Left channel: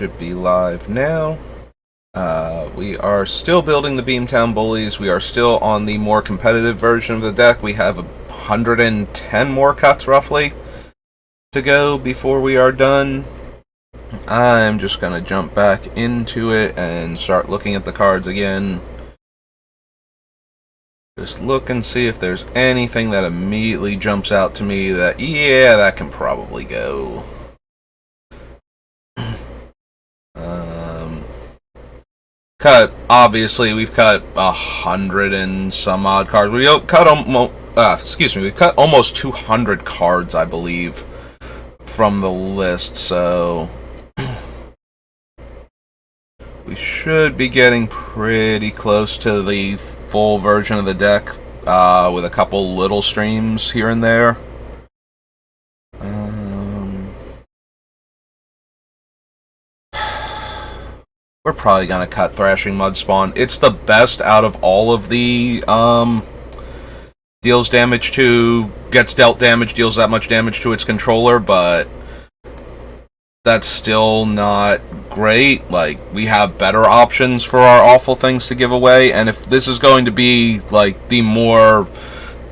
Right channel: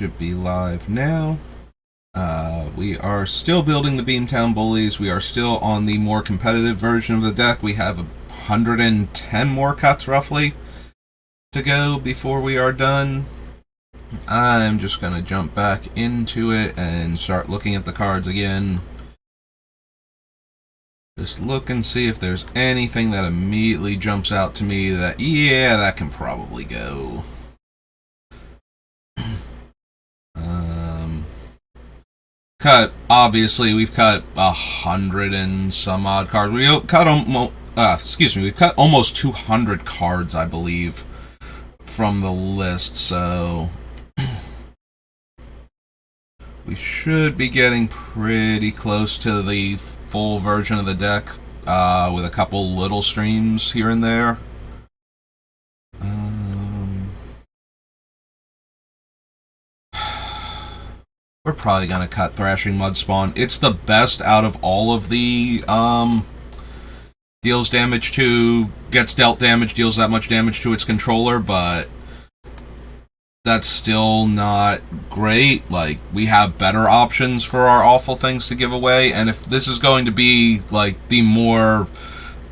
should be live now. We are still building the Beamtown Bullies. We are still on the more competitive version of the deck. We have 110 more cuts, roughly, to go before we are done. I'm just going to jump back into it and start looking at the cards again. Just look and see if there's anything that immediately jumps out to me that, yeah, that can probably go. Obviously, we've cut 100 and some odd cards. We cut we cut almost 200 cards, I believe, from the list, so we should be getting pretty close to the full version of the deck, with a couple little streams here and there. We're probably going to cut Thrashing Mudspawn. It's the best out of all of the deals damage to, gets dealt damage, deals that much damage to its controller, but that's still not great. Like, we have better options for our awful things to give away, and if this is going to be like the more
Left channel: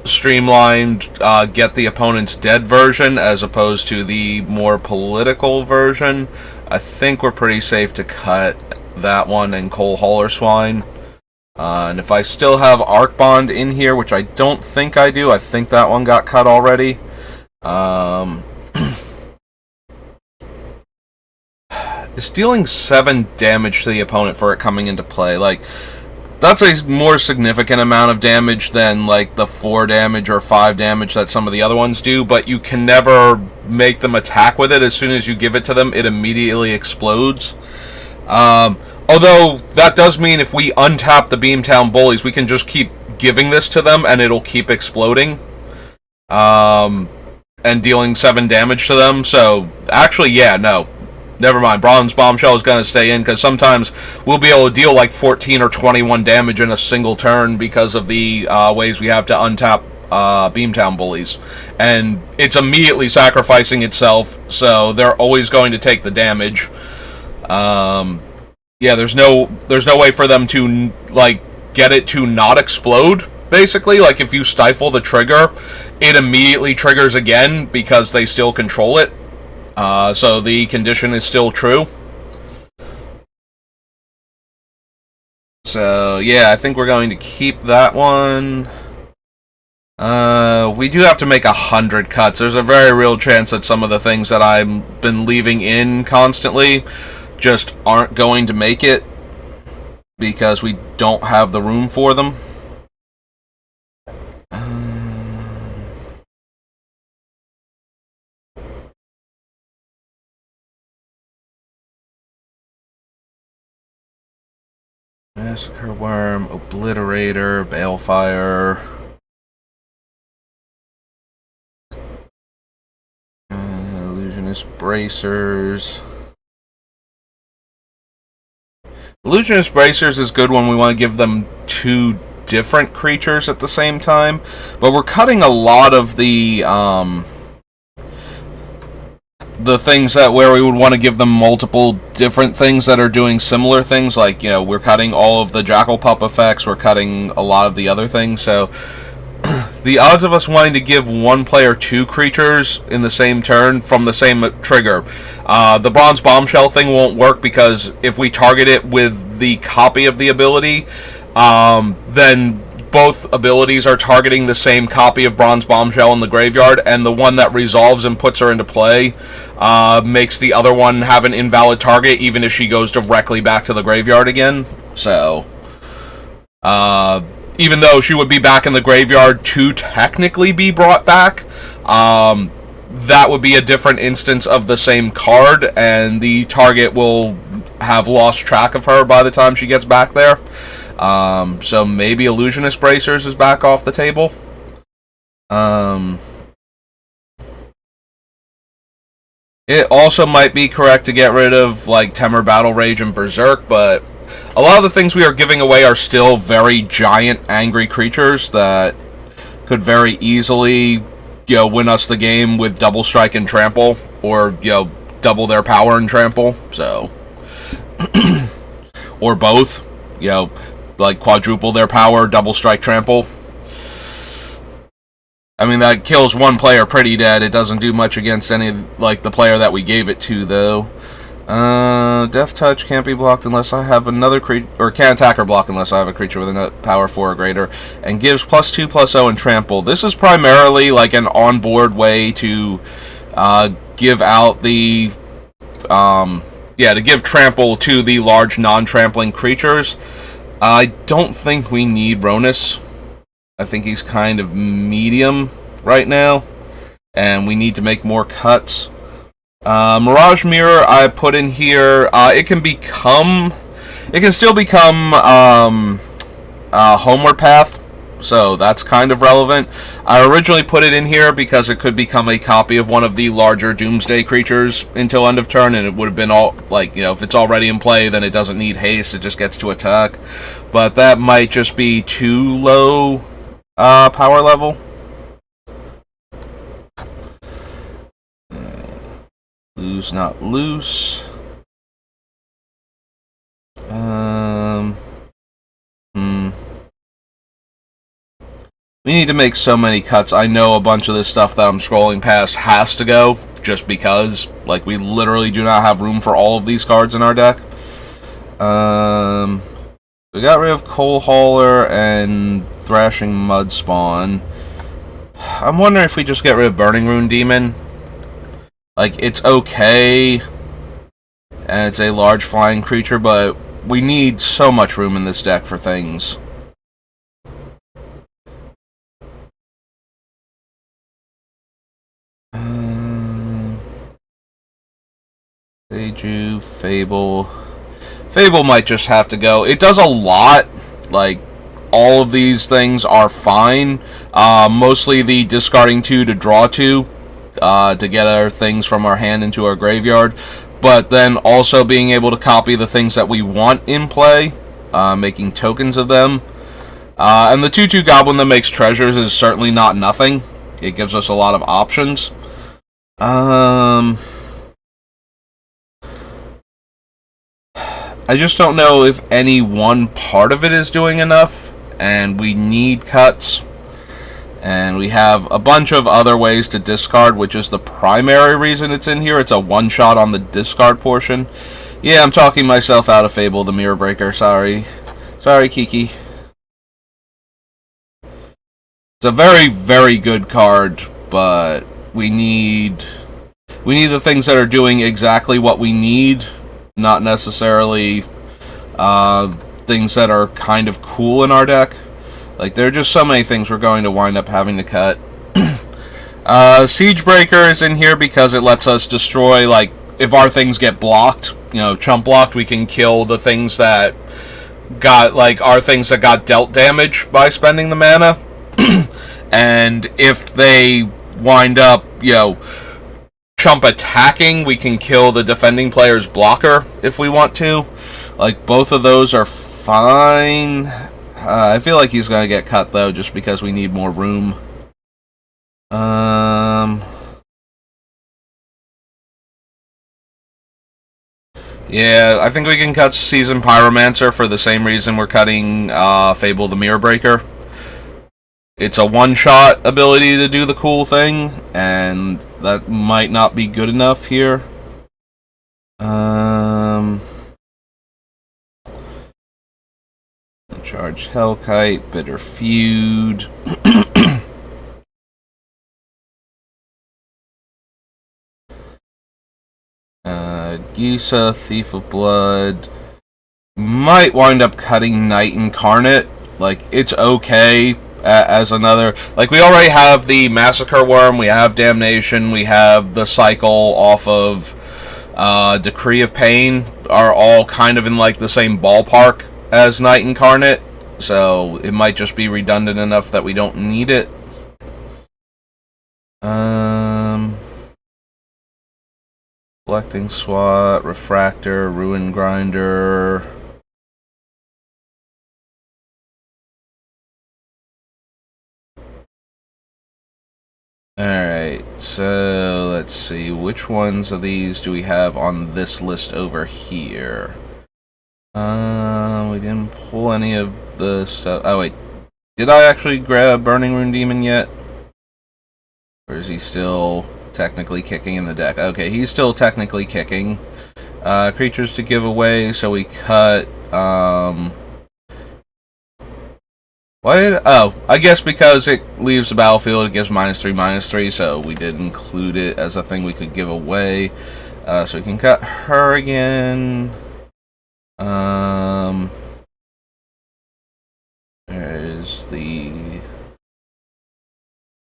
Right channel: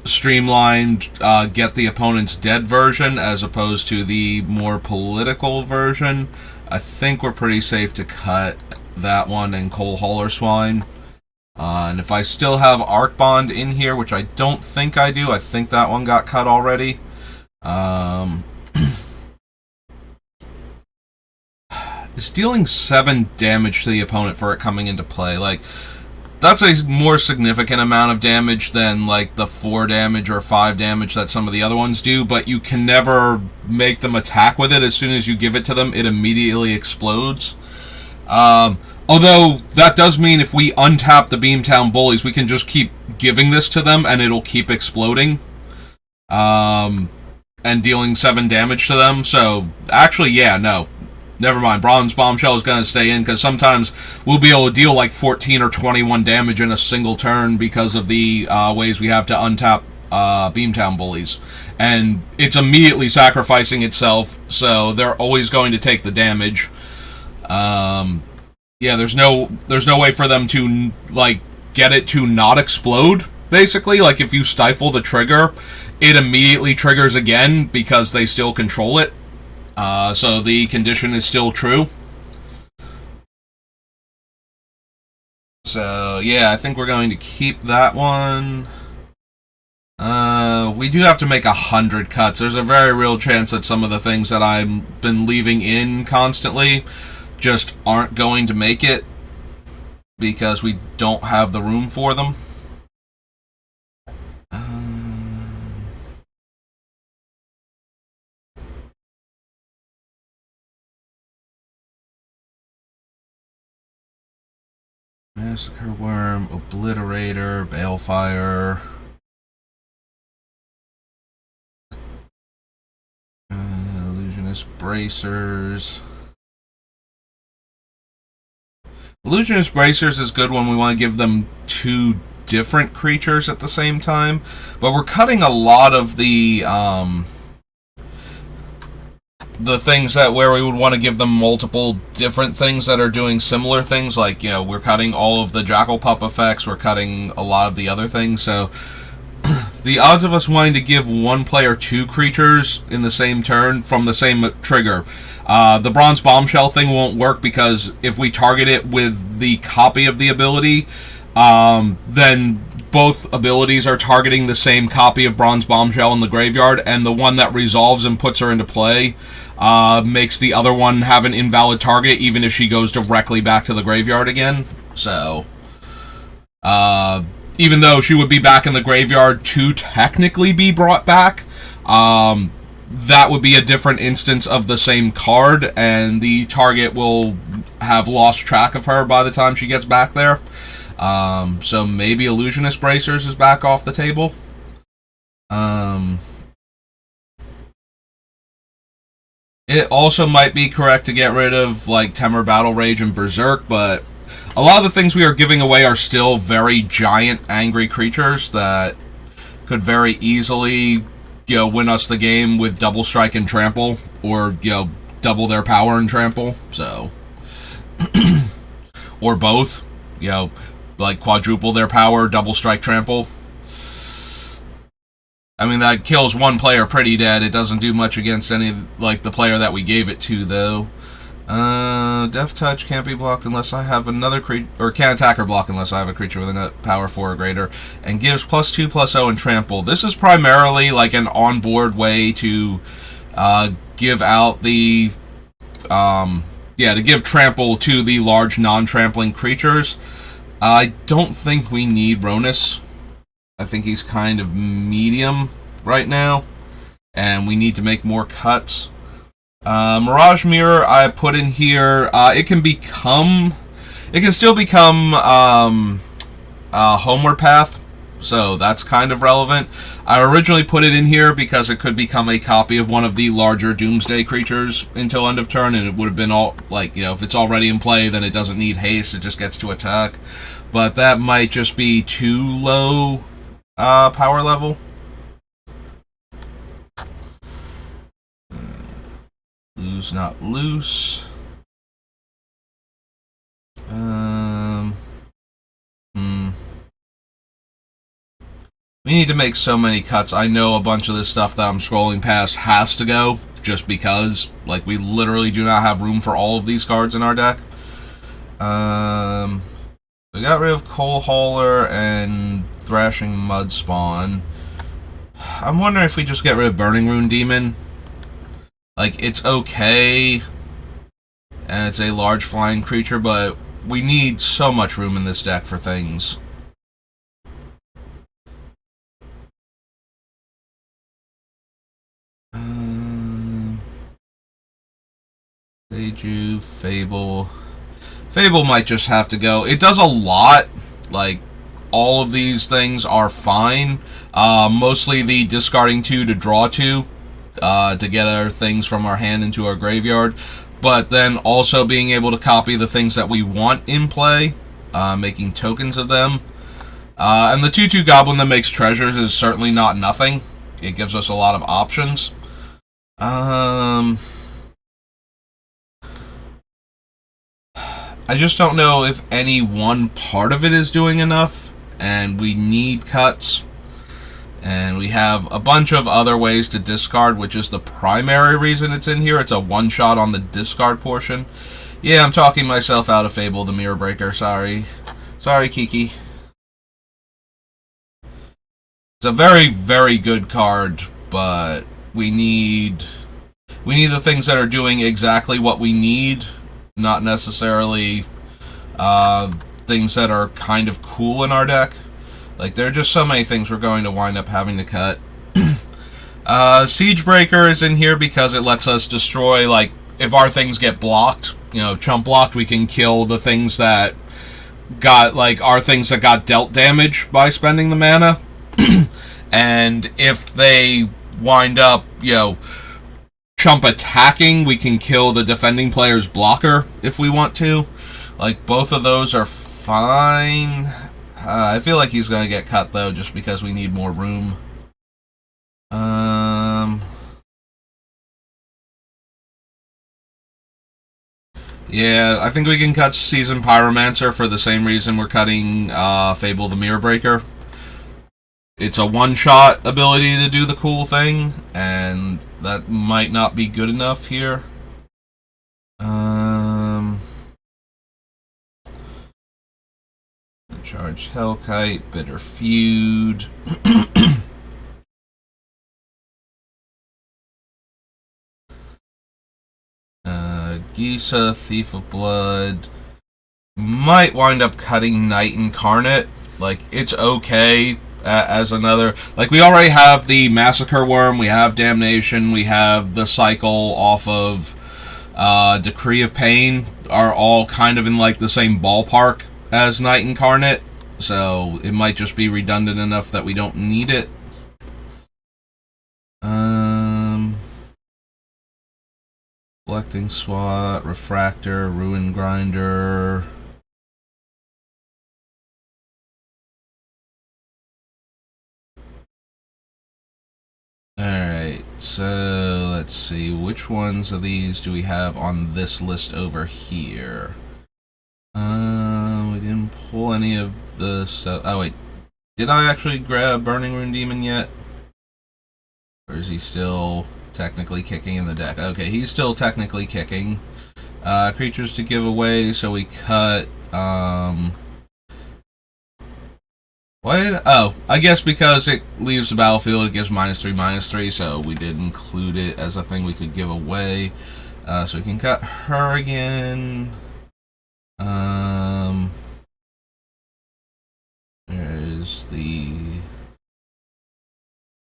streamlined get the opponent's dead version as opposed to the more political version, I think we're pretty safe to cut that one and Coal Hauler Swine. And if I still have Arc Bond in here, which I don't think I do, I think that one got cut already. It's dealing 7 damage to the opponent for it coming into play. Like, that's a more significant amount of damage than, like, the 4 damage or 5 damage that some of the other ones do, but you can never make them attack with it. As soon as you give it to them, it immediately explodes. Although, that does mean if we untap the Beamtown Bullies, we can just keep giving this to them, and it'll keep exploding. And dealing 7 damage to them, so, actually, yeah, no. Never mind, Bronze Bombshell is going to stay in, because sometimes we'll be able to deal like 14 or 21 damage in a single turn because of the ways we have to untap Beamtown Bullies. And it's immediately sacrificing itself, so they're always going to take the damage. Yeah, there's no way for them to, like, get it to not explode, basically. Like, if you stifle the trigger, it immediately triggers again because they still control it. So the condition is still true. So, yeah, I think we're going to keep that one. We do have to make 100 cuts. There's a very real chance that some of the things that I've been leaving in constantly just aren't going to make it because we don't have the room for them. Massacre Worm, Obliterator, Balefire, Illusionist Bracers. Illusionist Bracers is good when we want to give them 2 different creatures at the same time, but we're cutting a lot of the things that where we would want to give them multiple different things that are doing similar things, like, you know, we're cutting all of the Jackal Pup effects, we're cutting a lot of the other things, so the odds of us wanting to give one player 2 creatures in the same turn from the same trigger. The Bronze Bombshell thing won't work because if we target it with the copy of the ability, then both abilities are targeting the same copy of Bronze Bombshell in the graveyard, and the one that resolves and puts her into play makes the other one have an invalid target, even if she goes directly back to the graveyard again. So, even though she would be back in the graveyard to technically be brought back, that would be a different instance of the same card, and the target will have lost track of her by the time she gets back there. So maybe Illusionist Bracers is back off the table. It also might be correct to get rid of, like, Temur Battle Rage and Berserk, but a lot of the things we are giving away are still very giant, angry creatures that could very easily, you know, win us the game with Double Strike and Trample, or, you know, double their power and Trample, so or both. You know, like quadruple their power, double strike trample. I mean, that kills one player pretty dead. It doesn't do much against any, like, the player that we gave it to, though. Death Touch can't be blocked unless I have another creature, or can't attack or block unless I have a creature with a power 4 or greater, and gives +2/+0 and trample. This is primarily, like, an on-board way to, give out the, to give trample to the large non-trampling creatures. I don't think we need Ronus. I think he's kind of medium right now, and we need to make more cuts. Mirage Mirror I put in here. It can still become Homeward Path, so that's kind of relevant. I originally put it in here because it could become a copy of one of the larger Doomsday creatures until end of turn, and it would have been all, like, you know, if it's already in play, then it doesn't need haste, it just gets to attack. But that might just be too low power level. Lose, not loose. We need to make so many cuts. I know a bunch of this stuff that I'm scrolling past has to go, just because, like, we literally do not have room for all of these cards in our deck. We got rid of Coal Hauler and Thrashing Mud Spawn. I'm wondering if we just get rid of Burning Rune Demon. Like, it's okay, and it's a large flying creature, but we need so much room in this deck for things. Seiju, Fable. Fable might just have to go. It does a lot. Like, all of these things are fine. Mostly the discarding 2 to draw 2. To get our things from our hand into our graveyard, but then also being able to copy the things that we want in play, making tokens of them. And the 2/2 Goblin that makes treasures is certainly not nothing. It gives us a lot of options. I just don't know if any one part of it is doing enough, and we need cuts. And we have a bunch of other ways to discard, which is the primary reason it's in here. It's a one-shot on the discard portion. Yeah, I'm talking myself out of Fable the Mirror Breaker. Sorry. Sorry, Kiki. It's a very, very good card, but we need the things that are doing exactly what we need, not necessarily things that are kind of cool in our deck. Like, there are just so many things we're going to wind up having to cut. Siegebreaker is in here because it lets us destroy, like, if our things get blocked, you know, chump blocked, we can kill the things that got, like, our things that got dealt damage by spending the mana. And if they wind up, you know, chump attacking, we can kill the defending player's blocker if we want to. Like, both of those are fine. I feel like he's going to get cut, though, just because we need more room. Yeah, I think we can cut Seasoned Pyromancer for the same reason we're cutting Fable the Mirror Breaker. It's a one-shot ability to do the cool thing, and that might not be good enough here. Charge Hellkite, Bitter Feud. Gisa, Thief of Blood. Might wind up cutting Night Incarnate. Like, it's okay as another... Like, we already have the Massacre Worm, we have Damnation, we have the Cycle off of Decree of Pain, are all kind of in, like, the same ballpark as Night Incarnate, so it might just be redundant enough that we don't need it. Collecting SWAT, Refractor, Ruin Grinder. Alright, so let's see, which ones of these do we have on this list over here? We didn't pull any of the stuff. Oh, wait. Did I actually grab Burning Rune Demon yet? Or is he still technically kicking in the deck? Okay, he's still technically kicking. Creatures to give away, so we cut, what? Oh, I guess because it leaves the battlefield, it gives -3/-3, so we did include it as a thing we could give away. So we can cut her again. There's the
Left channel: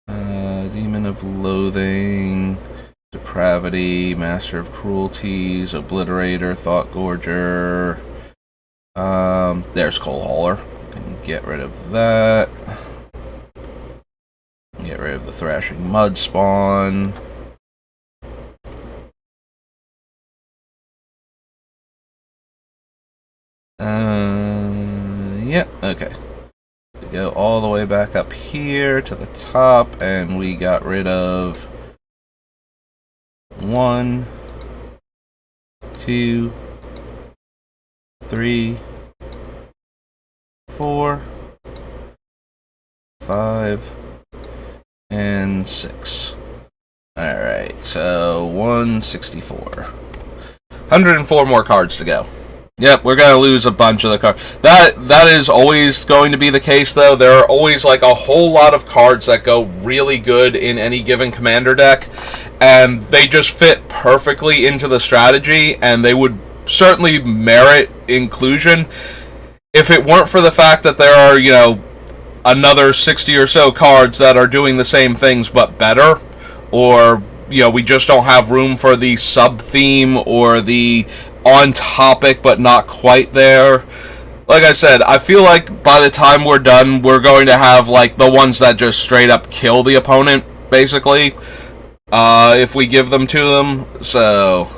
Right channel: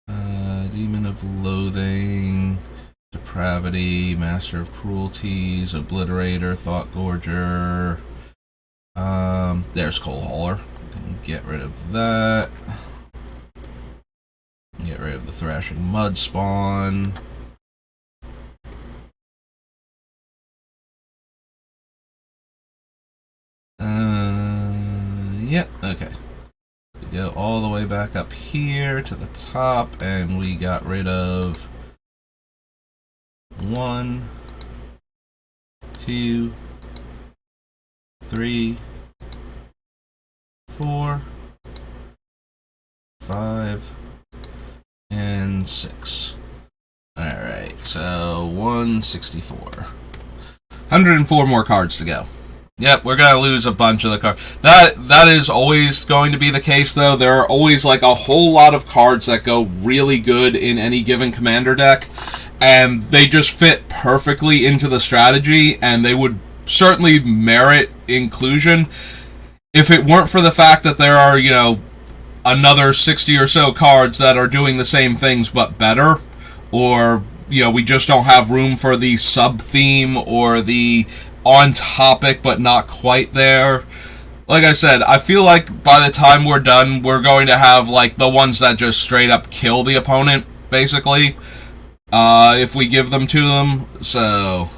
Demon of Loathing, Depravity, Master of Cruelties, Obliterator, Thought Gorger. There's Coal Hauler. Get rid of that. Get rid of the Thrashing Mud Spawn. Yeah, okay. We go all the way back up here to the top, and we got rid of 1, 2, 3, 4, 5, and 6. Alright, so 164. 104 more cards to go. Yep, we're gonna lose a bunch of the cards. That is always going to be the case, though. There are always like a whole lot of cards that go really good in any given commander deck, and they just fit perfectly into the strategy, and they would certainly merit inclusion if it weren't for the fact that there are, you know, another 60 or so cards that are doing the same things but better, or, you know, we just don't have room for the sub-theme or the on-topic but not quite there. Like I said, I feel like by the time we're done, we're going to have, like, the ones that just straight up kill the opponent, basically, if we give them to them. So,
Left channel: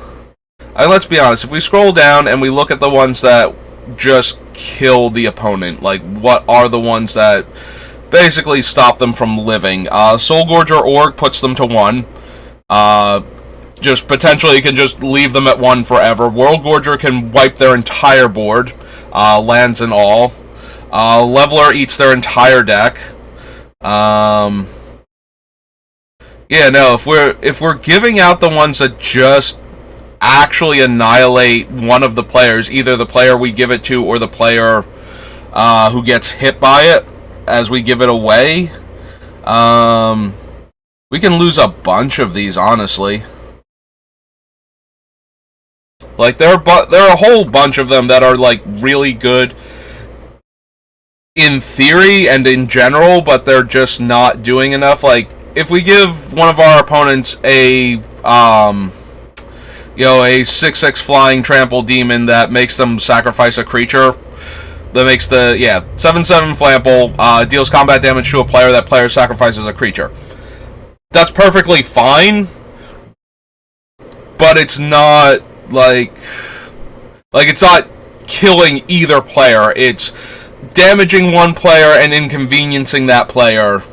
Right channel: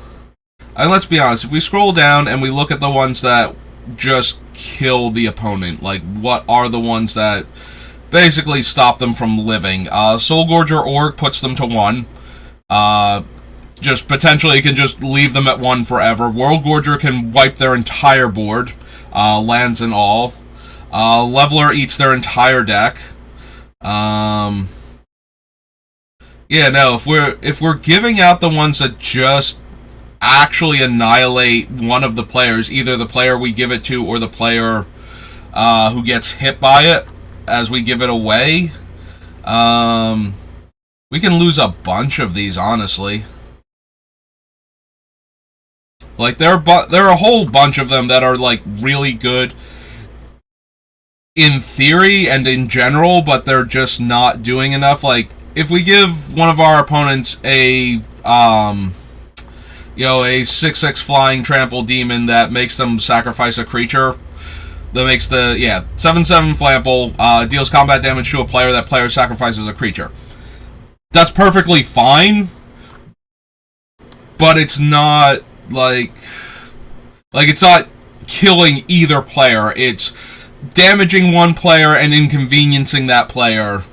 let's be honest, if we scroll down and we look at the ones that just kill the opponent, like, what are the ones that basically stop them from living? Soul Gorger Org puts them to 1. Just potentially can just leave them at 1 forever. World Gorger can wipe their entire board, lands and all. Leveler eats their entire deck. Yeah, no, if we're giving out the ones that just actually annihilate one of the players, either the player we give it to or the player who gets hit by it as we give it away, we can lose a bunch of these, honestly. Like, there are a whole bunch of them that are, like, really good in theory and in general, but they're just not doing enough. Like, if we give one of our opponents a 6/6 flying trample demon that makes them sacrifice a creature, that makes the, 7/7 flample, deals combat damage to a player, that player sacrifices a creature. That's perfectly fine, but it's not, like, it's not killing either player. It's damaging one player and inconveniencing that player.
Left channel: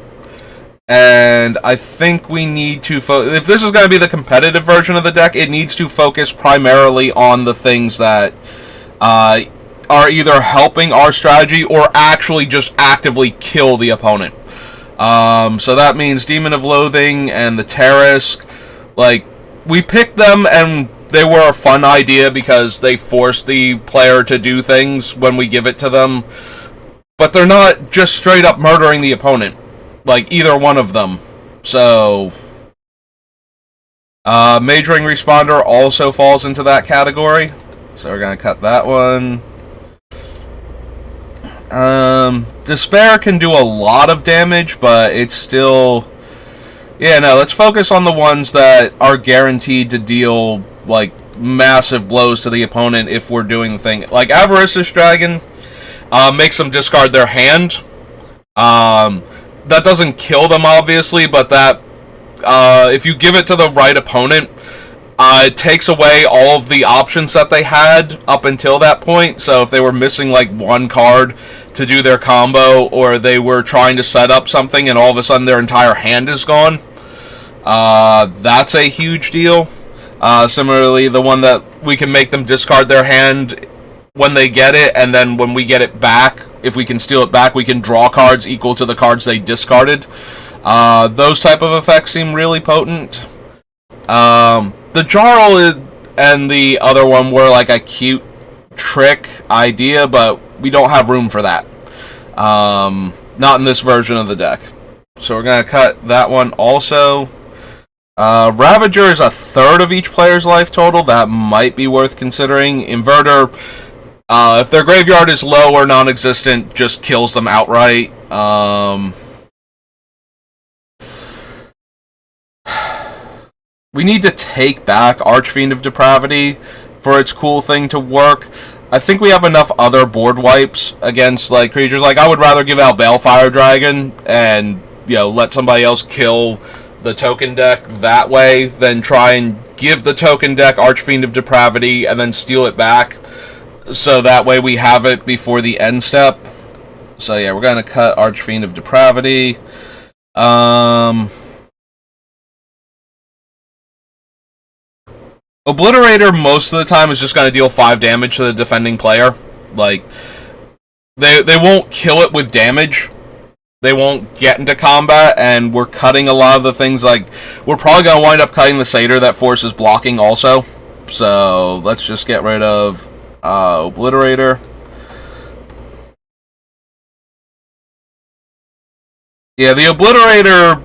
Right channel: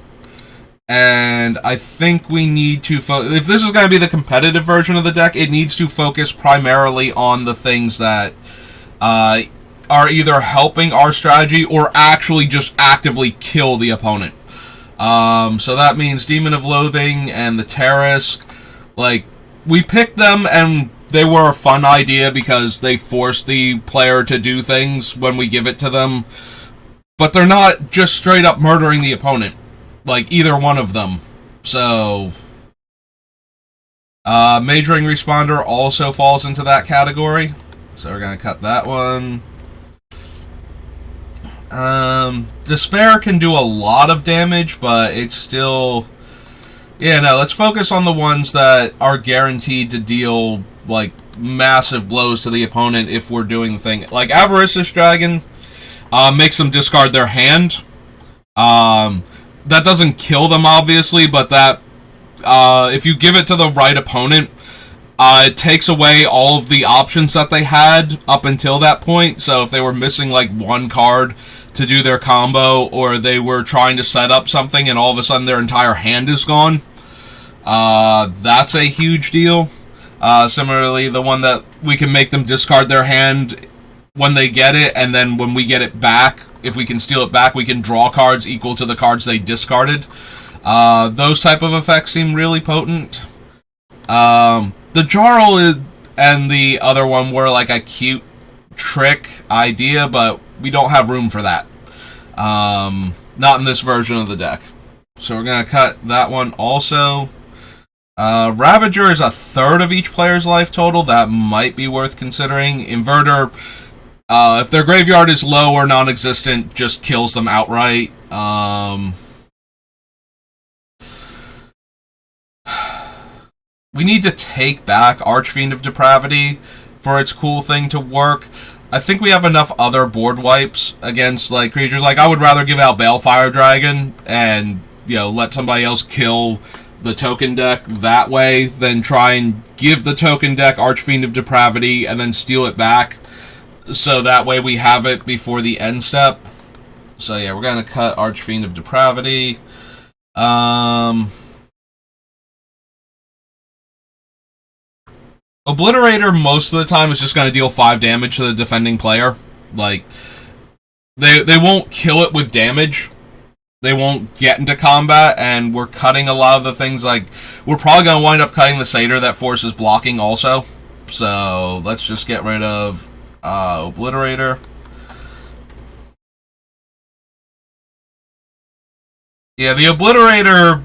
And I think we need to if this is going to be the competitive version of the deck, it needs to focus primarily on the things that are either helping our strategy or actually just actively kill the opponent. So that means Demon of Loathing and the Terrace. Like, we picked them and they were a fun idea because they force the player to do things when we give it to them. But they're not just straight up murdering the opponent. Like, either one of them. So, Majoring Responder also falls into that category. So we're going to cut that one. Despair can do a lot of damage, but it's still... Yeah, no, let's focus on the ones that are guaranteed to deal, like, massive blows to the opponent if we're doing the thing. Like, Avaricious Dragon makes them discard their hand. That doesn't kill them, obviously, but that, if you give it to the right opponent, it takes away all of the options that they had up until that point. So if they were missing, like, one card to do their combo, or they were trying to set up something and all of a sudden their entire hand is gone, that's a huge deal. Similarly, the one that we can make them discard their hand when they get it, and then when we get it back, if we can steal it back, we can draw cards equal to the cards they discarded. Those type of effects seem really potent. The Jarl and the other one were like a cute trick idea, but we don't have room for that. Not in this version of the deck. So we're going to cut that one also. Ravager is a third of each player's life total. That might be worth considering. Inverter, if their graveyard is low or non-existent, just kills them outright. We need to take back Archfiend of Depravity for its cool thing to work. I think we have enough other board wipes against like creatures. Like, I would rather give out Balefire Dragon and, you know, let somebody else kill the token deck that way than try and give the token deck Archfiend of Depravity and then steal it back. So that way we have it before the end step. So yeah, we're going to cut Archfiend of Depravity. Obliterator most of the time is just going to deal 5 damage to the defending player. Like, they won't kill it with damage. They won't get into combat, and we're cutting a lot of the things. Like, we're probably going to wind up cutting the Satyr that forces blocking also. So let's just get rid of Obliterator. Yeah, the Obliterator,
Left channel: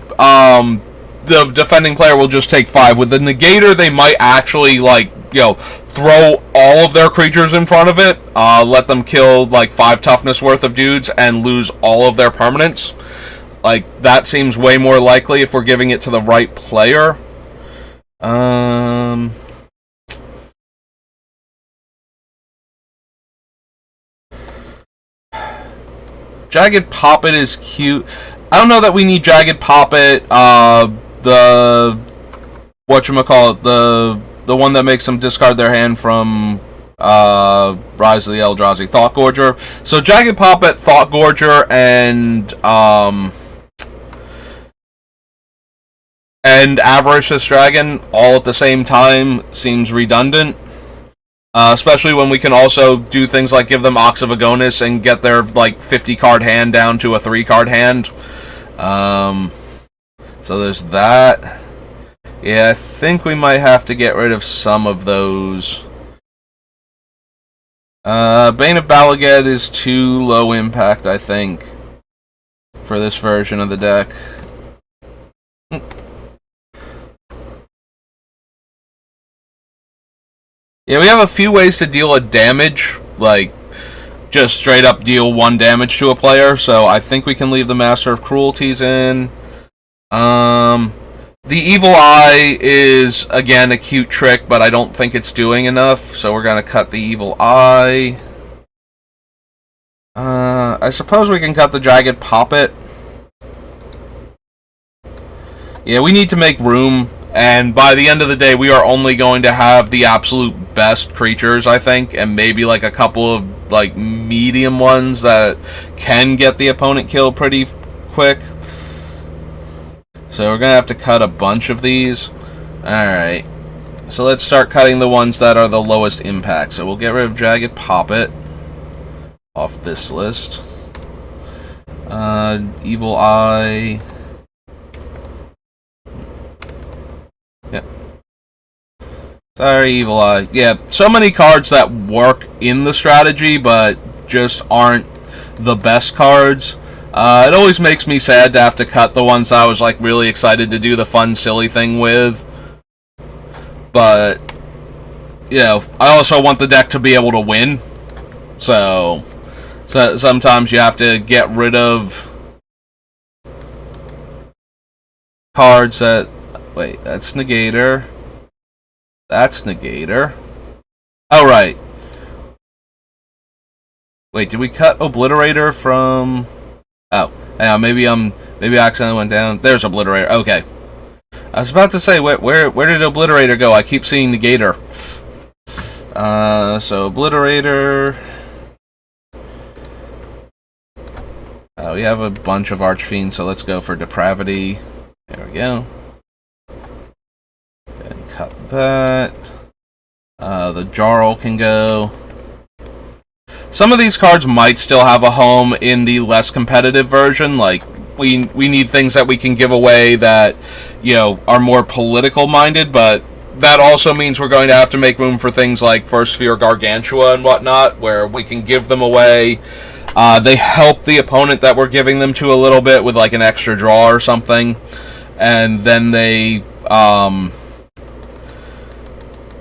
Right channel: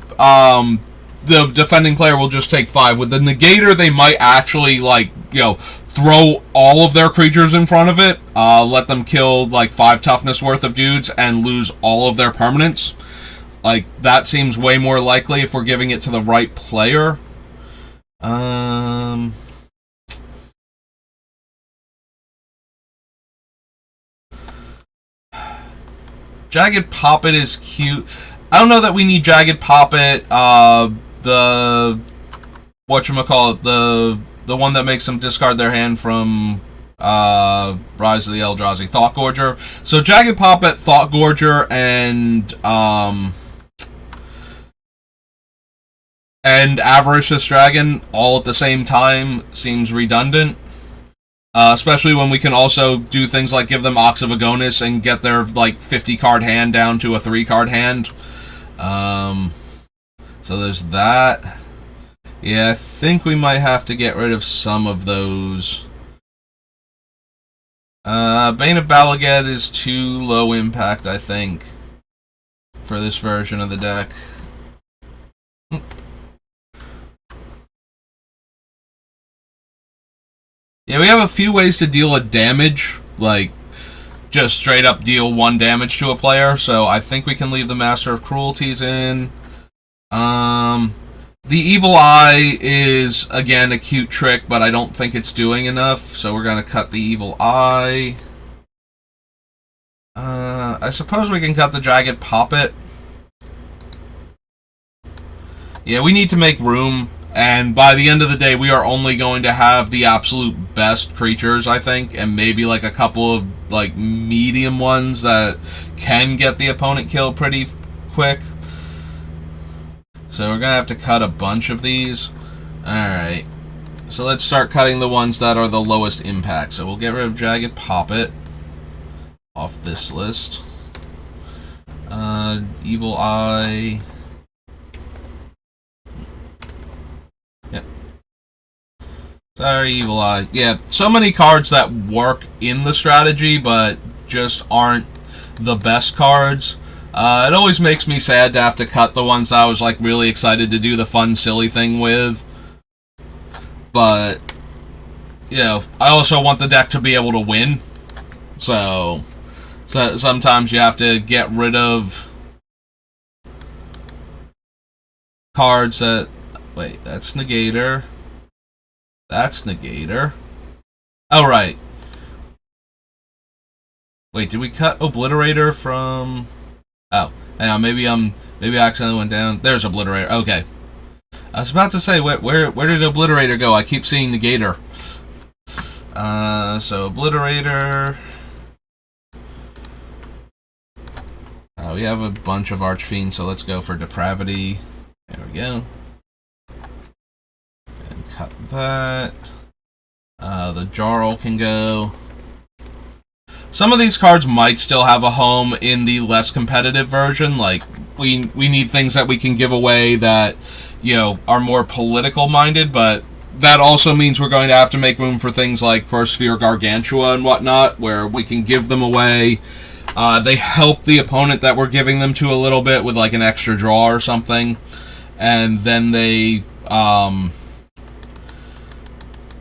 the defending player will just take 5. With the Negator, they might actually, like, you know, throw all of their creatures in front of it, let them kill, like, 5 toughness worth of dudes, and lose all of their permanents. Like, that seems way more likely if we're giving it to the right player. Jagged Poppet is cute. I don't know that we need Jagged Poppet. The one that makes them discard their hand from Rise of the Eldrazi, Thought Gorger. So Jagged Poppet, Thought Gorger, and Avaricious Dragon all at the same time seems redundant. Especially when we can also do things like give them Ox of Agonis and get their like 50-card hand down to a 3-card hand. So there's that. Yeah, I think we might have to get rid of some of those. Bane of Balaget is too low impact, I think, for this version of the deck. Yeah, we have a few ways to deal a damage, like just straight up deal 1 damage to a player, so I think we can leave the Master of Cruelties in. The Evil Eye is, again, a cute trick, but I don't think it's doing enough, so we're going to cut the Evil Eye. I suppose we can cut the Jagged Poppet. Yeah, we need to make room, and by the end of the day, we are only going to have the absolute best creatures, I think, and maybe like a couple of like medium ones that can get the opponent killed pretty quick. So we're going to have to cut a bunch of these. Alright. So let's start cutting the ones that are the lowest impact. So we'll get rid of Jagged Poppet off this list. Evil Eye. Yeah. Sorry, Evil Eye. Yeah, so many cards that work in the strategy, but just aren't the best cards. It always makes me sad to have to cut the ones I was like really excited to do the fun, silly thing with. But, you know, I also want the deck to be able to win. So sometimes you have to get rid of cards that... Wait, that's Negator. That's Negator. Oh, right. Wait, did we cut Obliterator from... Oh, yeah, maybe I accidentally went down. There's Obliterator. Okay. I was about to say, where did Obliterator go? I keep seeing Negator. So Obliterator. We have a bunch of Archfiends, so let's go for Depravity. There we go. And cut that. The Jarl can go. some of these cards might still have a home in the less competitive version. Like, we need things that we can give away that, you know, are more political minded, but that also means we're going to have to make room for things like First Sphere Gargantua and whatnot, where we can give them away. They help the opponent that we're giving them to a little bit with like an extra draw or something, and then they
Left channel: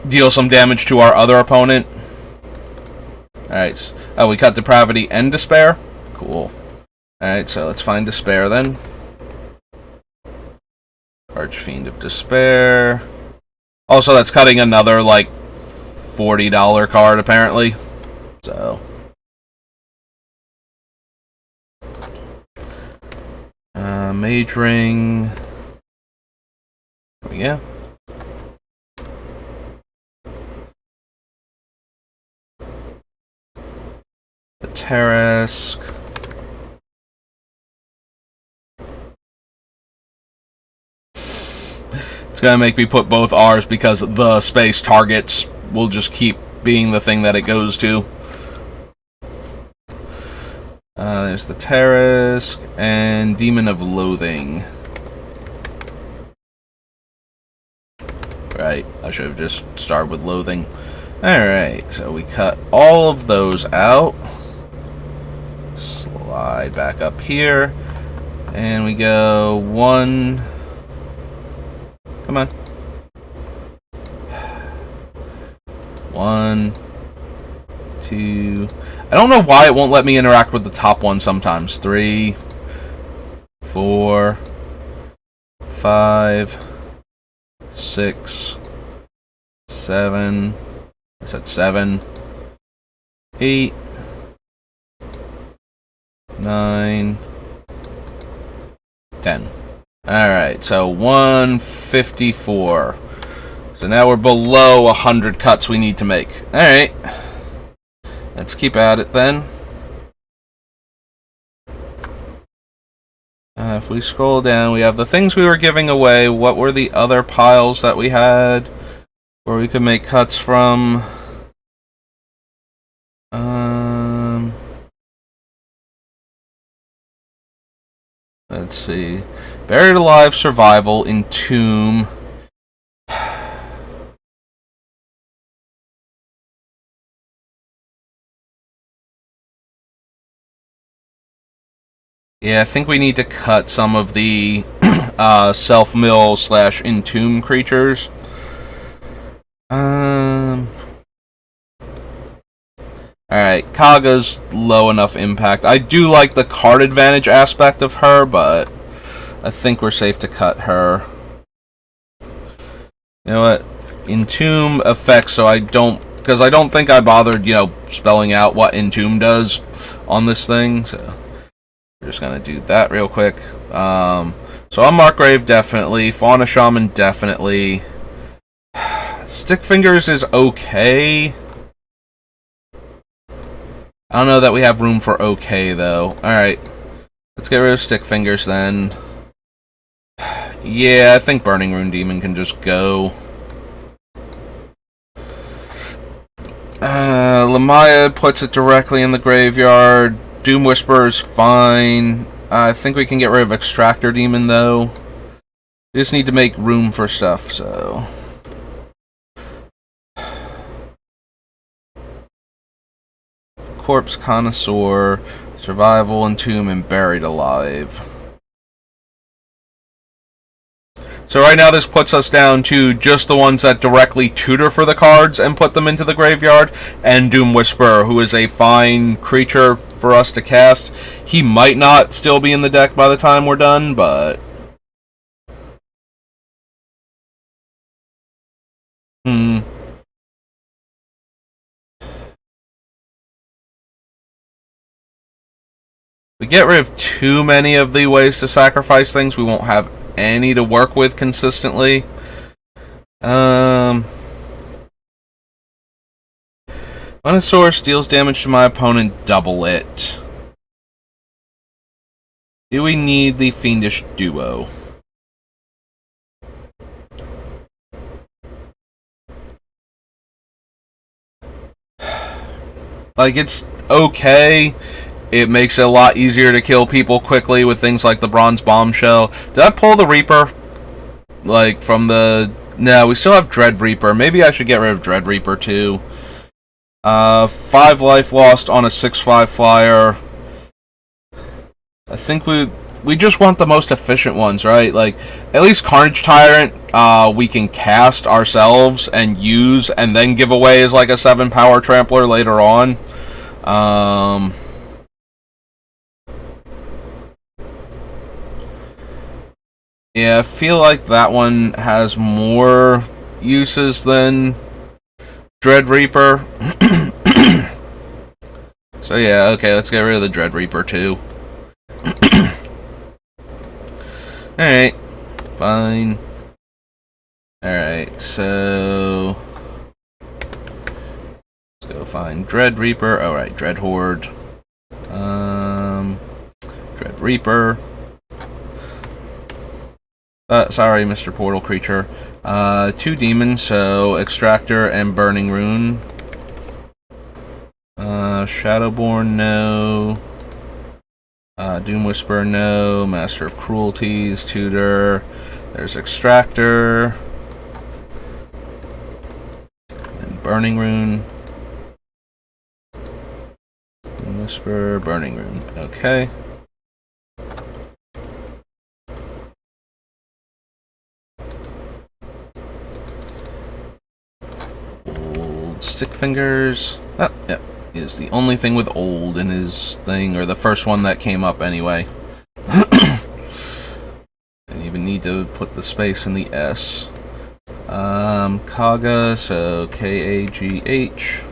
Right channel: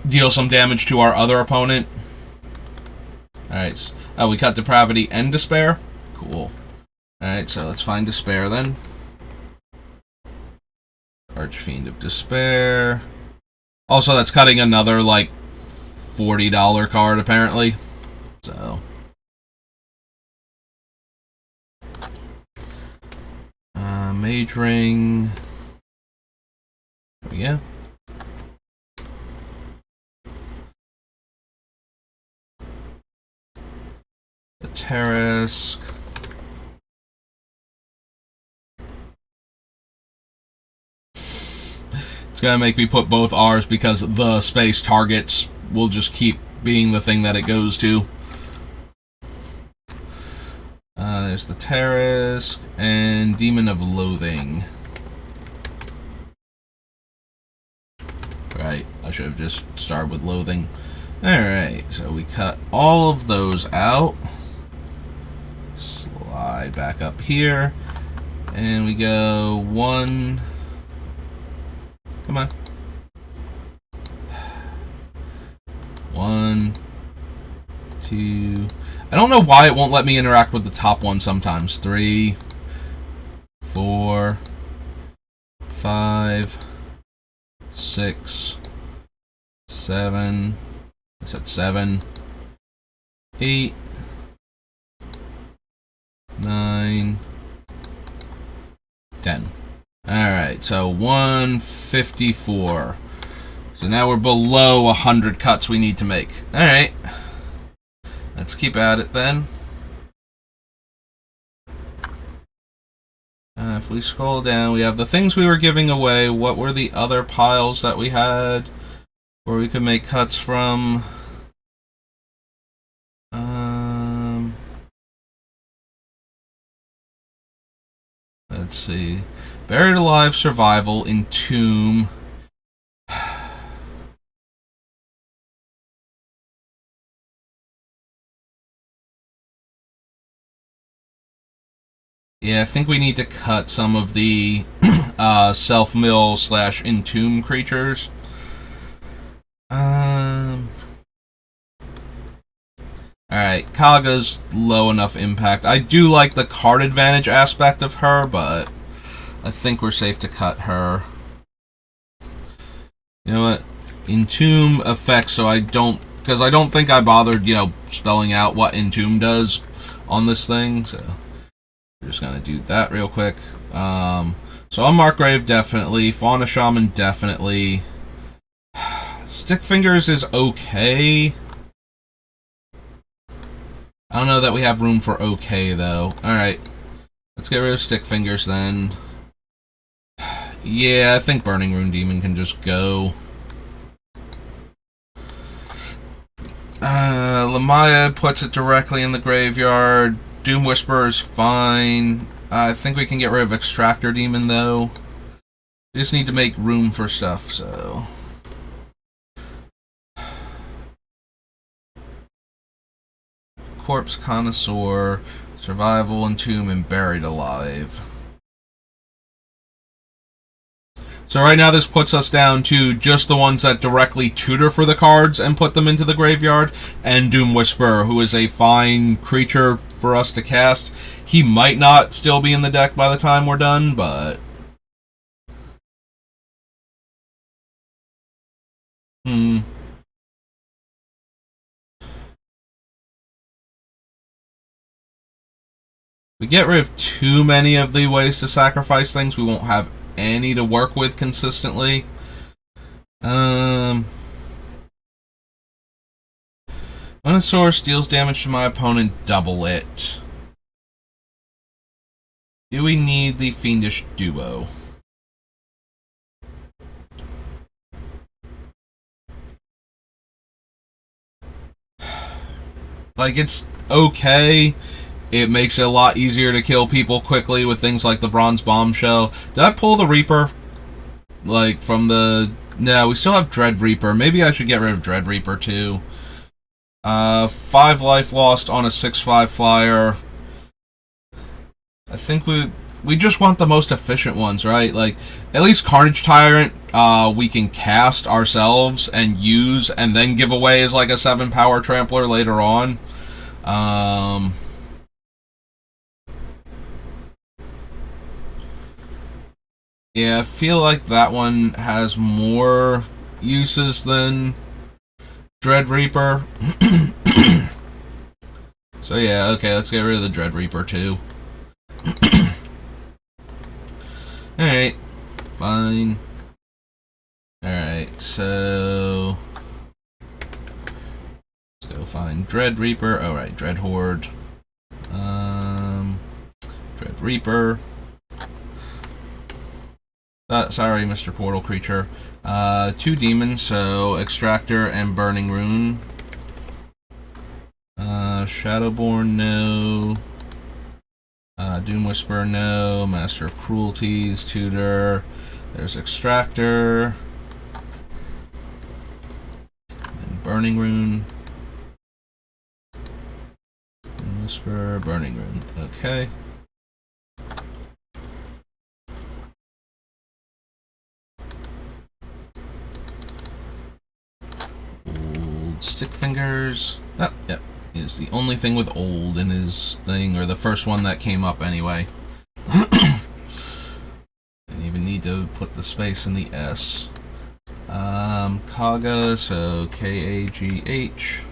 deal some damage to our other opponent. Alright, oh, we cut Depravity and Despair? Cool. Alright, so let's find Despair then. Archfiend of Despair. Also, that's cutting another, like, $40 card, apparently. So. Mage Ring. Yeah. The Terrace. It's gonna make me put both R's because the space targets will just keep being the thing that it goes to. There's the Terrace and Demon of Loathing. Right, I should have just started with Loathing. Alright, so we cut all of those out. Slide back up here. And we go 1... Come on. 1, 2. I don't know why it won't let me interact with the top one sometimes. 3, 4, 5, 6, 7. I said 7, 8, 9, 10. Alright, so 154. So now we're below 100 cuts we need to make. Alright. Let's keep at it then. If we scroll down, we have the things we were giving away. What were the other piles that we had where we could make cuts from? Let's see. Buried Alive, Survival, Entomb. Yeah, I think we need to cut some of the self-mill / entomb creatures. Alright, Kaga's low enough impact. I do like the card advantage aspect of her, but I think we're safe to cut her. You know what? Entomb effects, so I don't... Because I don't think I bothered, you know, spelling out what Entomb does on this thing, so... We're just gonna do that real quick. So on Markgrave, definitely. Fauna Shaman, definitely. Stick Fingers is okay. I don't know that we have room for okay, though. Alright. Let's get rid of Stick Fingers, then. Yeah, I think Burning Rune Demon can just go. Lamaya puts it directly in the graveyard. Doom Whisperer is fine. I think we can get rid of Extractor Demon, though. We just need to make room for stuff, so... Corpse Connoisseur, Survival, Entomb, and Buried Alive. So right now this puts us down to just the ones that directly tutor for the cards and put them into the graveyard, and Doom Whisperer, who is a fine creature for us to cast. He might not still be in the deck by the time we're done, but... We get rid of too many of the ways to sacrifice things, we won't have any to work with consistently. When a source deals damage to my opponent, double it. Do we need the Fiendish Duo? Like, it's... okay. It makes it a lot easier to kill people quickly with things like the Bronze Bombshell. Did I pull the Reaper? Like, from the... No, we still have Dread Reaper. Maybe I should get rid of Dread Reaper, too. 5 life lost on a 6/5 flyer. I think we just want the most efficient ones, right? Like, at least Carnage Tyrant, we can cast ourselves and use, and then give away as like a 7 power trampler later on. Yeah, I feel like that one has more uses than Dread Reaper. So yeah, okay, let's get rid of the Dread Reaper too. Alright, fine. Alright, so... let's go find Dread Reaper. Alright, Dread Horde. Dread Reaper. Sorry, Mr. Portal Creature. 2 demons, so Extractor and Burning Rune. Shadowborn, no. Doom Whisperer, no. Master of Cruelties, Tutor. There's Extractor. And Burning Rune. Doom Whisperer, Burning Rune. Okay. Old Stick Fingers. Oh, yeah. Is the only thing with old in his thing, or the first one that came up anyway. Didn't even need to put the space in the S. Kaga, so K-A-G-H.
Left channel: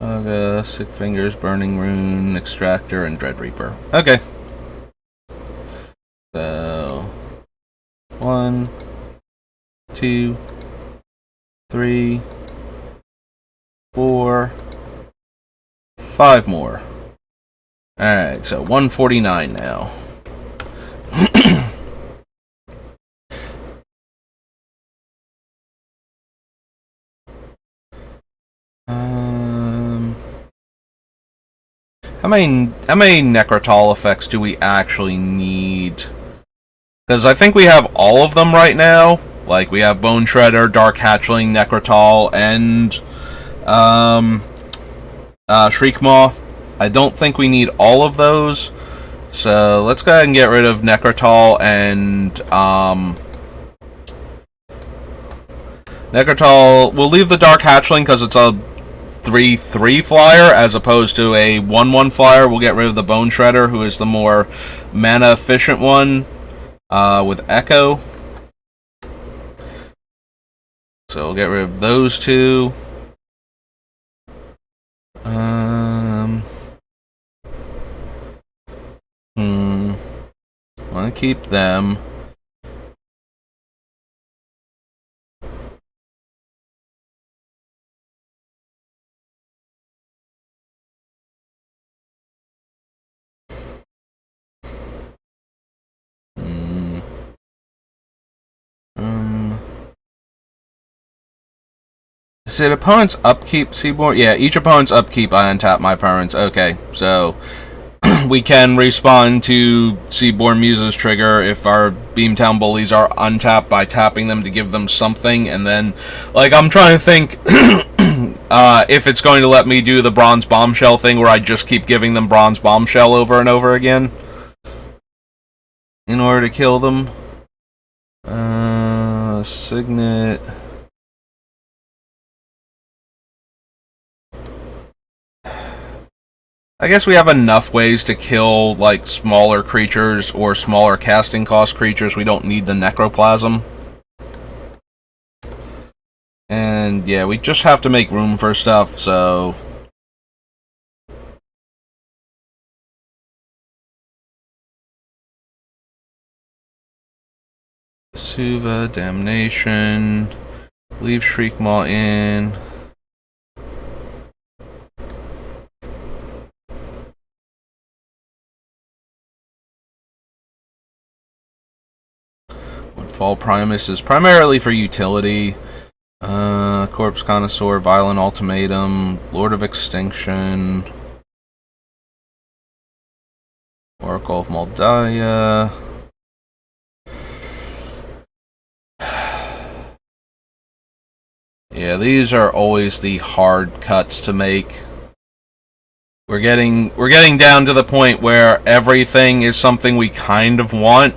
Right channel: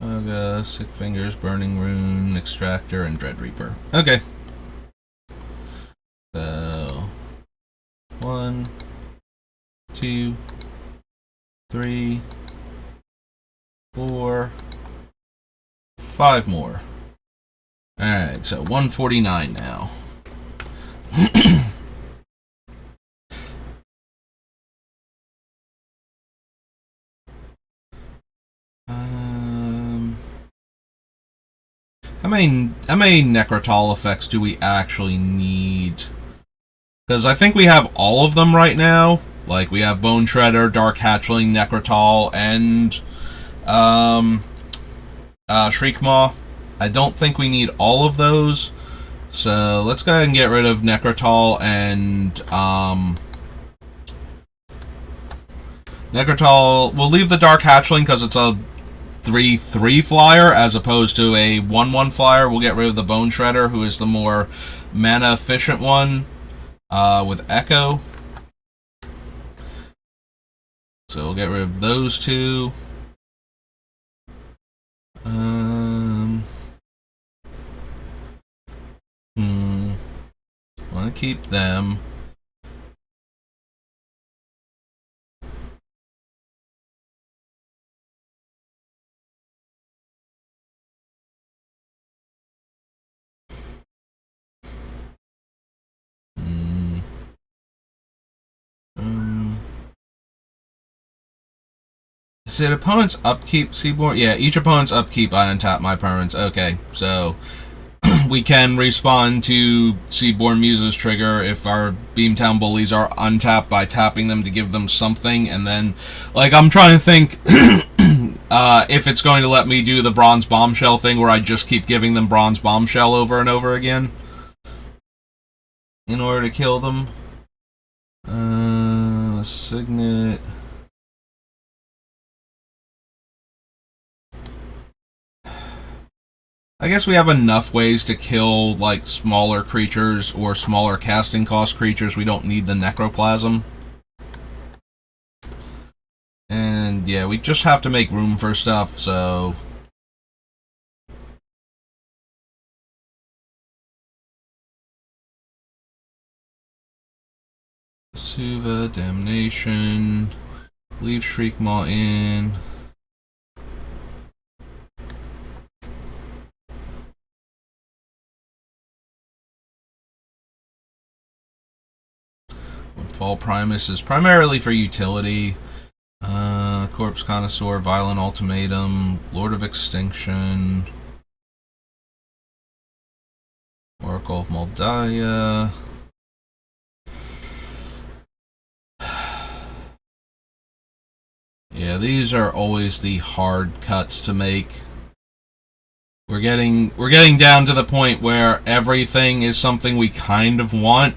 Kaga, Sick Fingers, Burning Rune, Extractor, and Dread Reaper. Okay. So 1, 2, 3, 4, 5 more. Alright, so 149 now. How many Necrotol effects do we actually need? Because I think we have all of them right now. Like, we have Bone Shredder, Dark Hatchling, Necrotol, and Shriekmaw. I don't think we need all of those. So let's go ahead and get rid of Necrotol and Necrotol. We'll leave the Dark Hatchling because it's a 3/3 flyer as opposed to a 1/1 flyer. We'll get rid of the Bone Shredder, who is the more mana efficient one, with Echo. So we'll get rid of those two. Want to keep them. Is it opponent's upkeep, Seaborn? Yeah, each opponent's upkeep, I untap my opponent's. Okay, so we can respond to Seaborn Muse's trigger if our Beamtown Bullies are untapped by tapping them to give them something, and then, like, I'm trying to think if it's going to let me do the Bronze Bombshell thing where I just keep giving them Bronze Bombshell over and over again in order to kill them. Signet. I guess we have enough ways to kill, like, smaller creatures or smaller casting cost creatures. We don't need the Necroplasm. And, yeah, we just have to make room for stuff, so... Suva, Damnation... Leave Shriekmaw in... Fall Primus is primarily for utility. Corpse Connoisseur, Violent Ultimatum, Lord of Extinction, Oracle of Moldiah. Yeah, these are always the hard cuts to make. We're getting down to the point where everything is something we kind of want.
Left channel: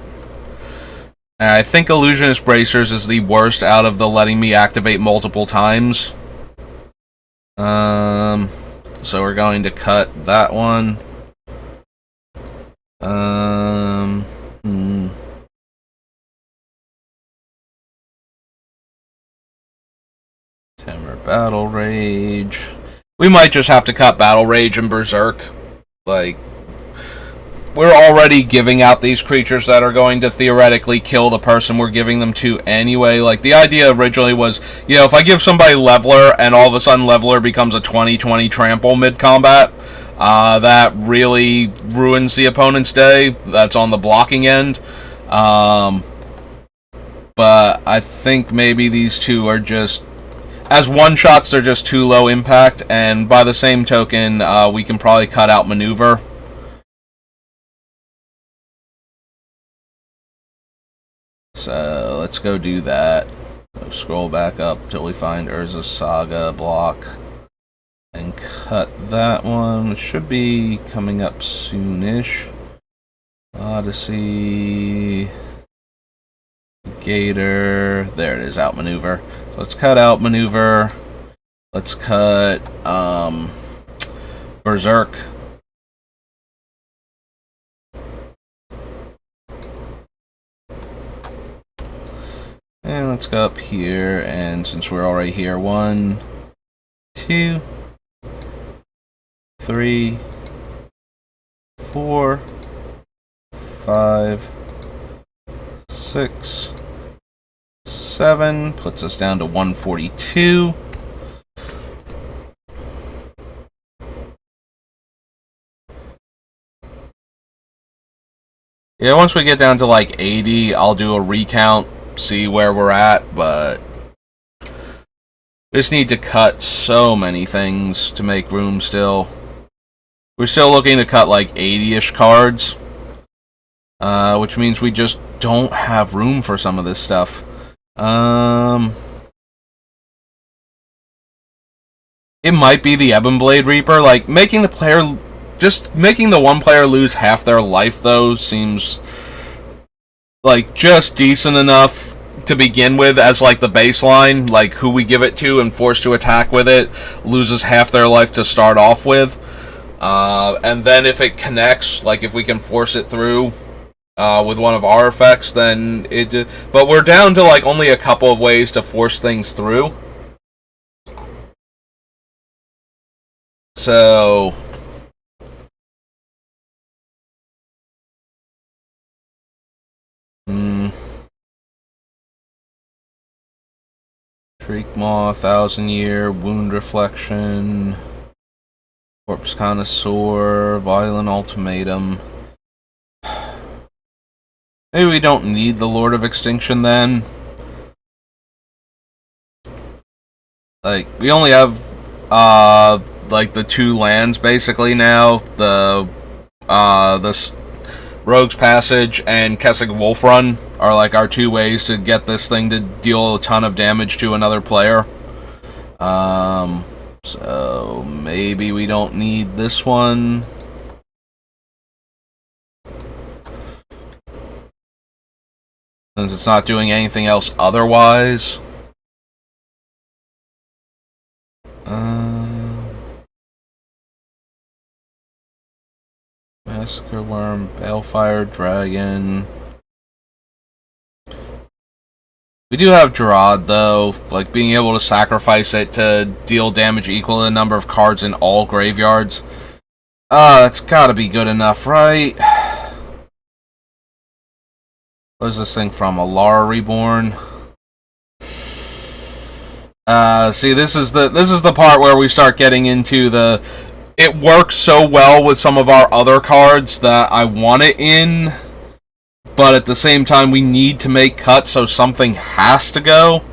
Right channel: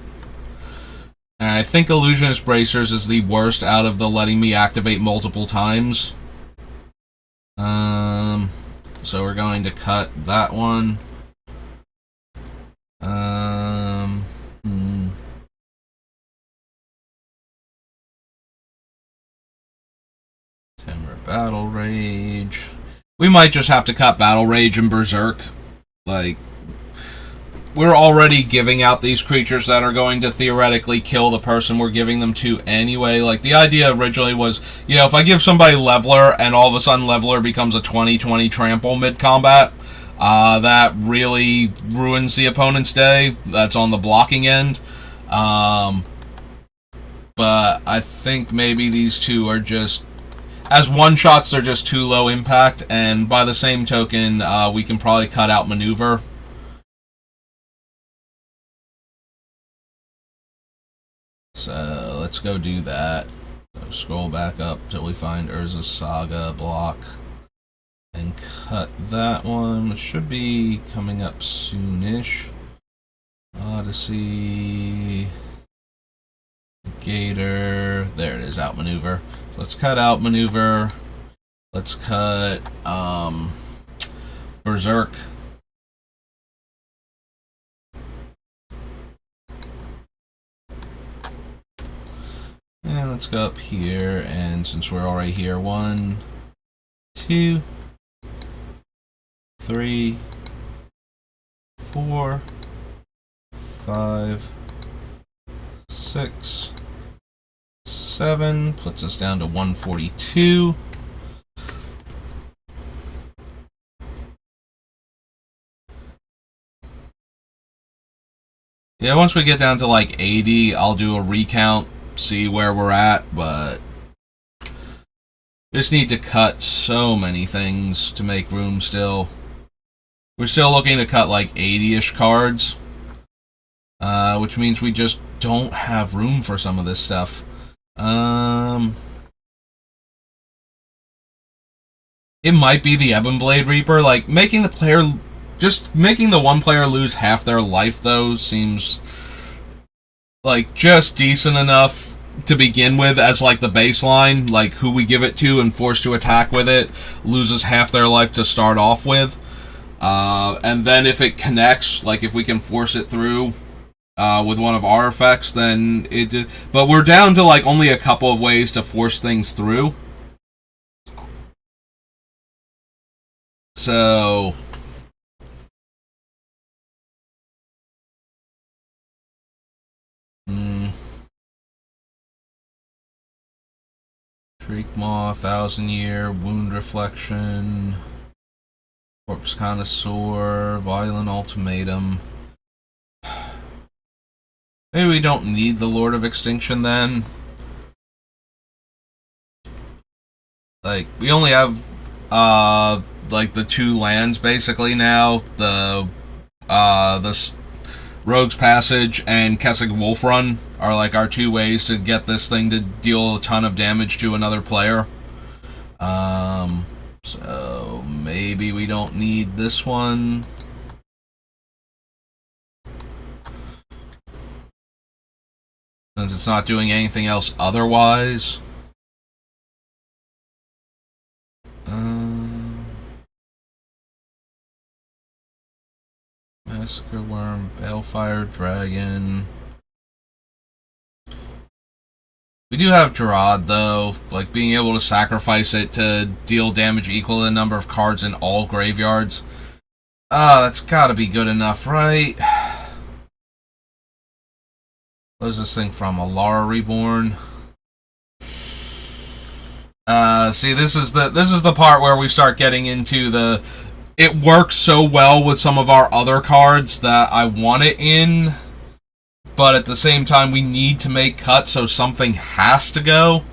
And I think Illusionist Bracers is the worst out of the letting me activate multiple times. So we're going to cut that one. Timber Battle Rage. We might just have to cut Battle Rage and Berserk. Like, we're already giving out these creatures that are going to theoretically kill the person we're giving them to anyway. Like, the idea originally was, you know, if I give somebody Leveler and all of a sudden Leveler becomes a 20/20 trample mid-combat, that really ruins the opponent's day. That's on the blocking end. But I think maybe these two are just... As one-shots, they're just too low impact, and by the same token, we can probably cut out Maneuver. So, let's go do that. So scroll back up till we find Urza's Saga block. And cut that one. It should be coming up soonish. Odyssey... Gator... There it is, Outmaneuver. Let's cut Outmaneuver. Let's cut, Berserk. And let's go up here, and since we're already here, 1, 2, 3, 4, 5, 6, 7, puts us down to 142. Yeah, once we get down to like 80, I'll do a recount, see where we're at, but we just need to cut so many things to make room still. We're still looking to cut like 80-ish cards, which means we just don't have room for some of this stuff. It might be the Ebon Blade Reaper. Like, making the player... Just making the one player lose half their life, though, seems... like, just decent enough to begin with as, like, the baseline. Like, who we give it to and forced to attack with it loses half their life to start off with. And then if it connects, like, if we can force it through... with one of our effects, then it... But we're down to, like, only a couple of ways to force things through. So... Shriek Maw, 1,000-Year, Wound Reflection... Corpse Connoisseur, Violent Ultimatum... Maybe we don't need the Lord of Extinction then. Like, we only have, like, the 2 lands basically now. The Rogue's Passage and Kessig Wolf Run are, like, our 2 ways to get this thing to deal a ton of damage to another player. So, maybe we don't need this one. Since it's not doing anything else otherwise. Massacre Worm, Balefire Dragon. We do have Gerard, though. Like, being able to sacrifice it to deal damage equal to the number of cards in all graveyards. That's gotta be good enough, right? What is this thing from? Alara Reborn? See, this is the part where we start getting into the... It works so well with some of our other cards that I want it in. but at the same time, we need to make cuts, so something has to go.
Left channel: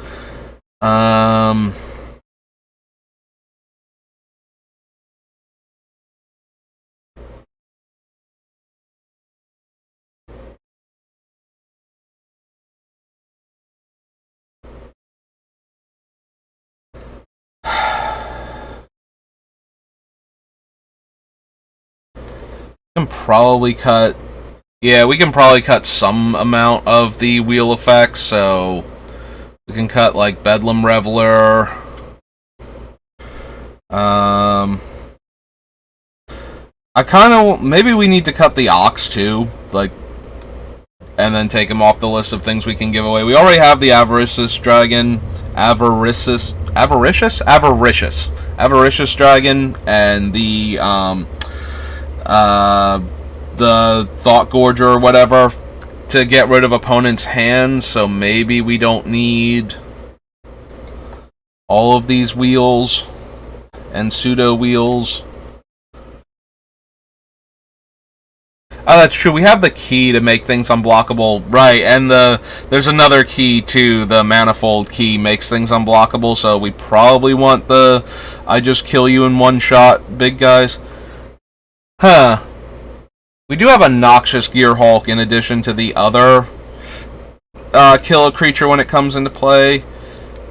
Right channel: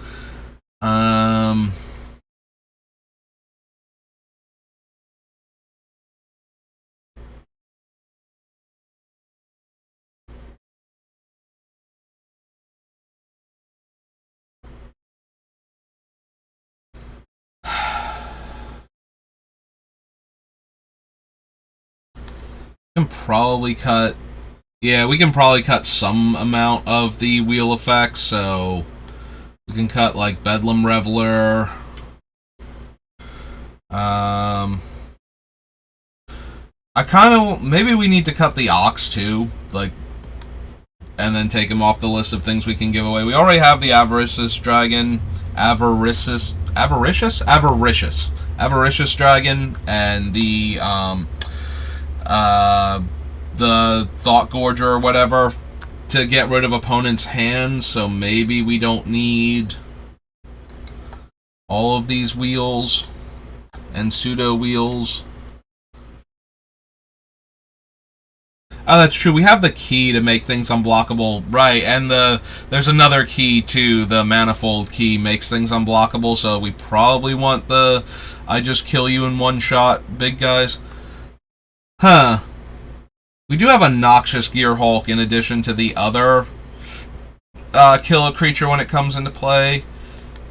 Can probably cut. Yeah, we can probably cut some amount of the wheel effects, so we can cut like Bedlam Reveler. I kind of maybe we need to cut the Ox too, like, and then take him off the list of things we can give away. We already have the Avaricious Dragon, Avaricious Dragon, and the Thought Gorger or whatever to get rid of opponents' hands, so maybe we don't need all of these wheels and pseudo wheels. Oh, that's true. We have the key to make things unblockable, right? And there's another key too. The manifold key makes things unblockable, so we probably want the I just kill you in one shot, big guys. Huh. We do have a Noxious Gearhulk in addition to the other kill a creature when it comes into play.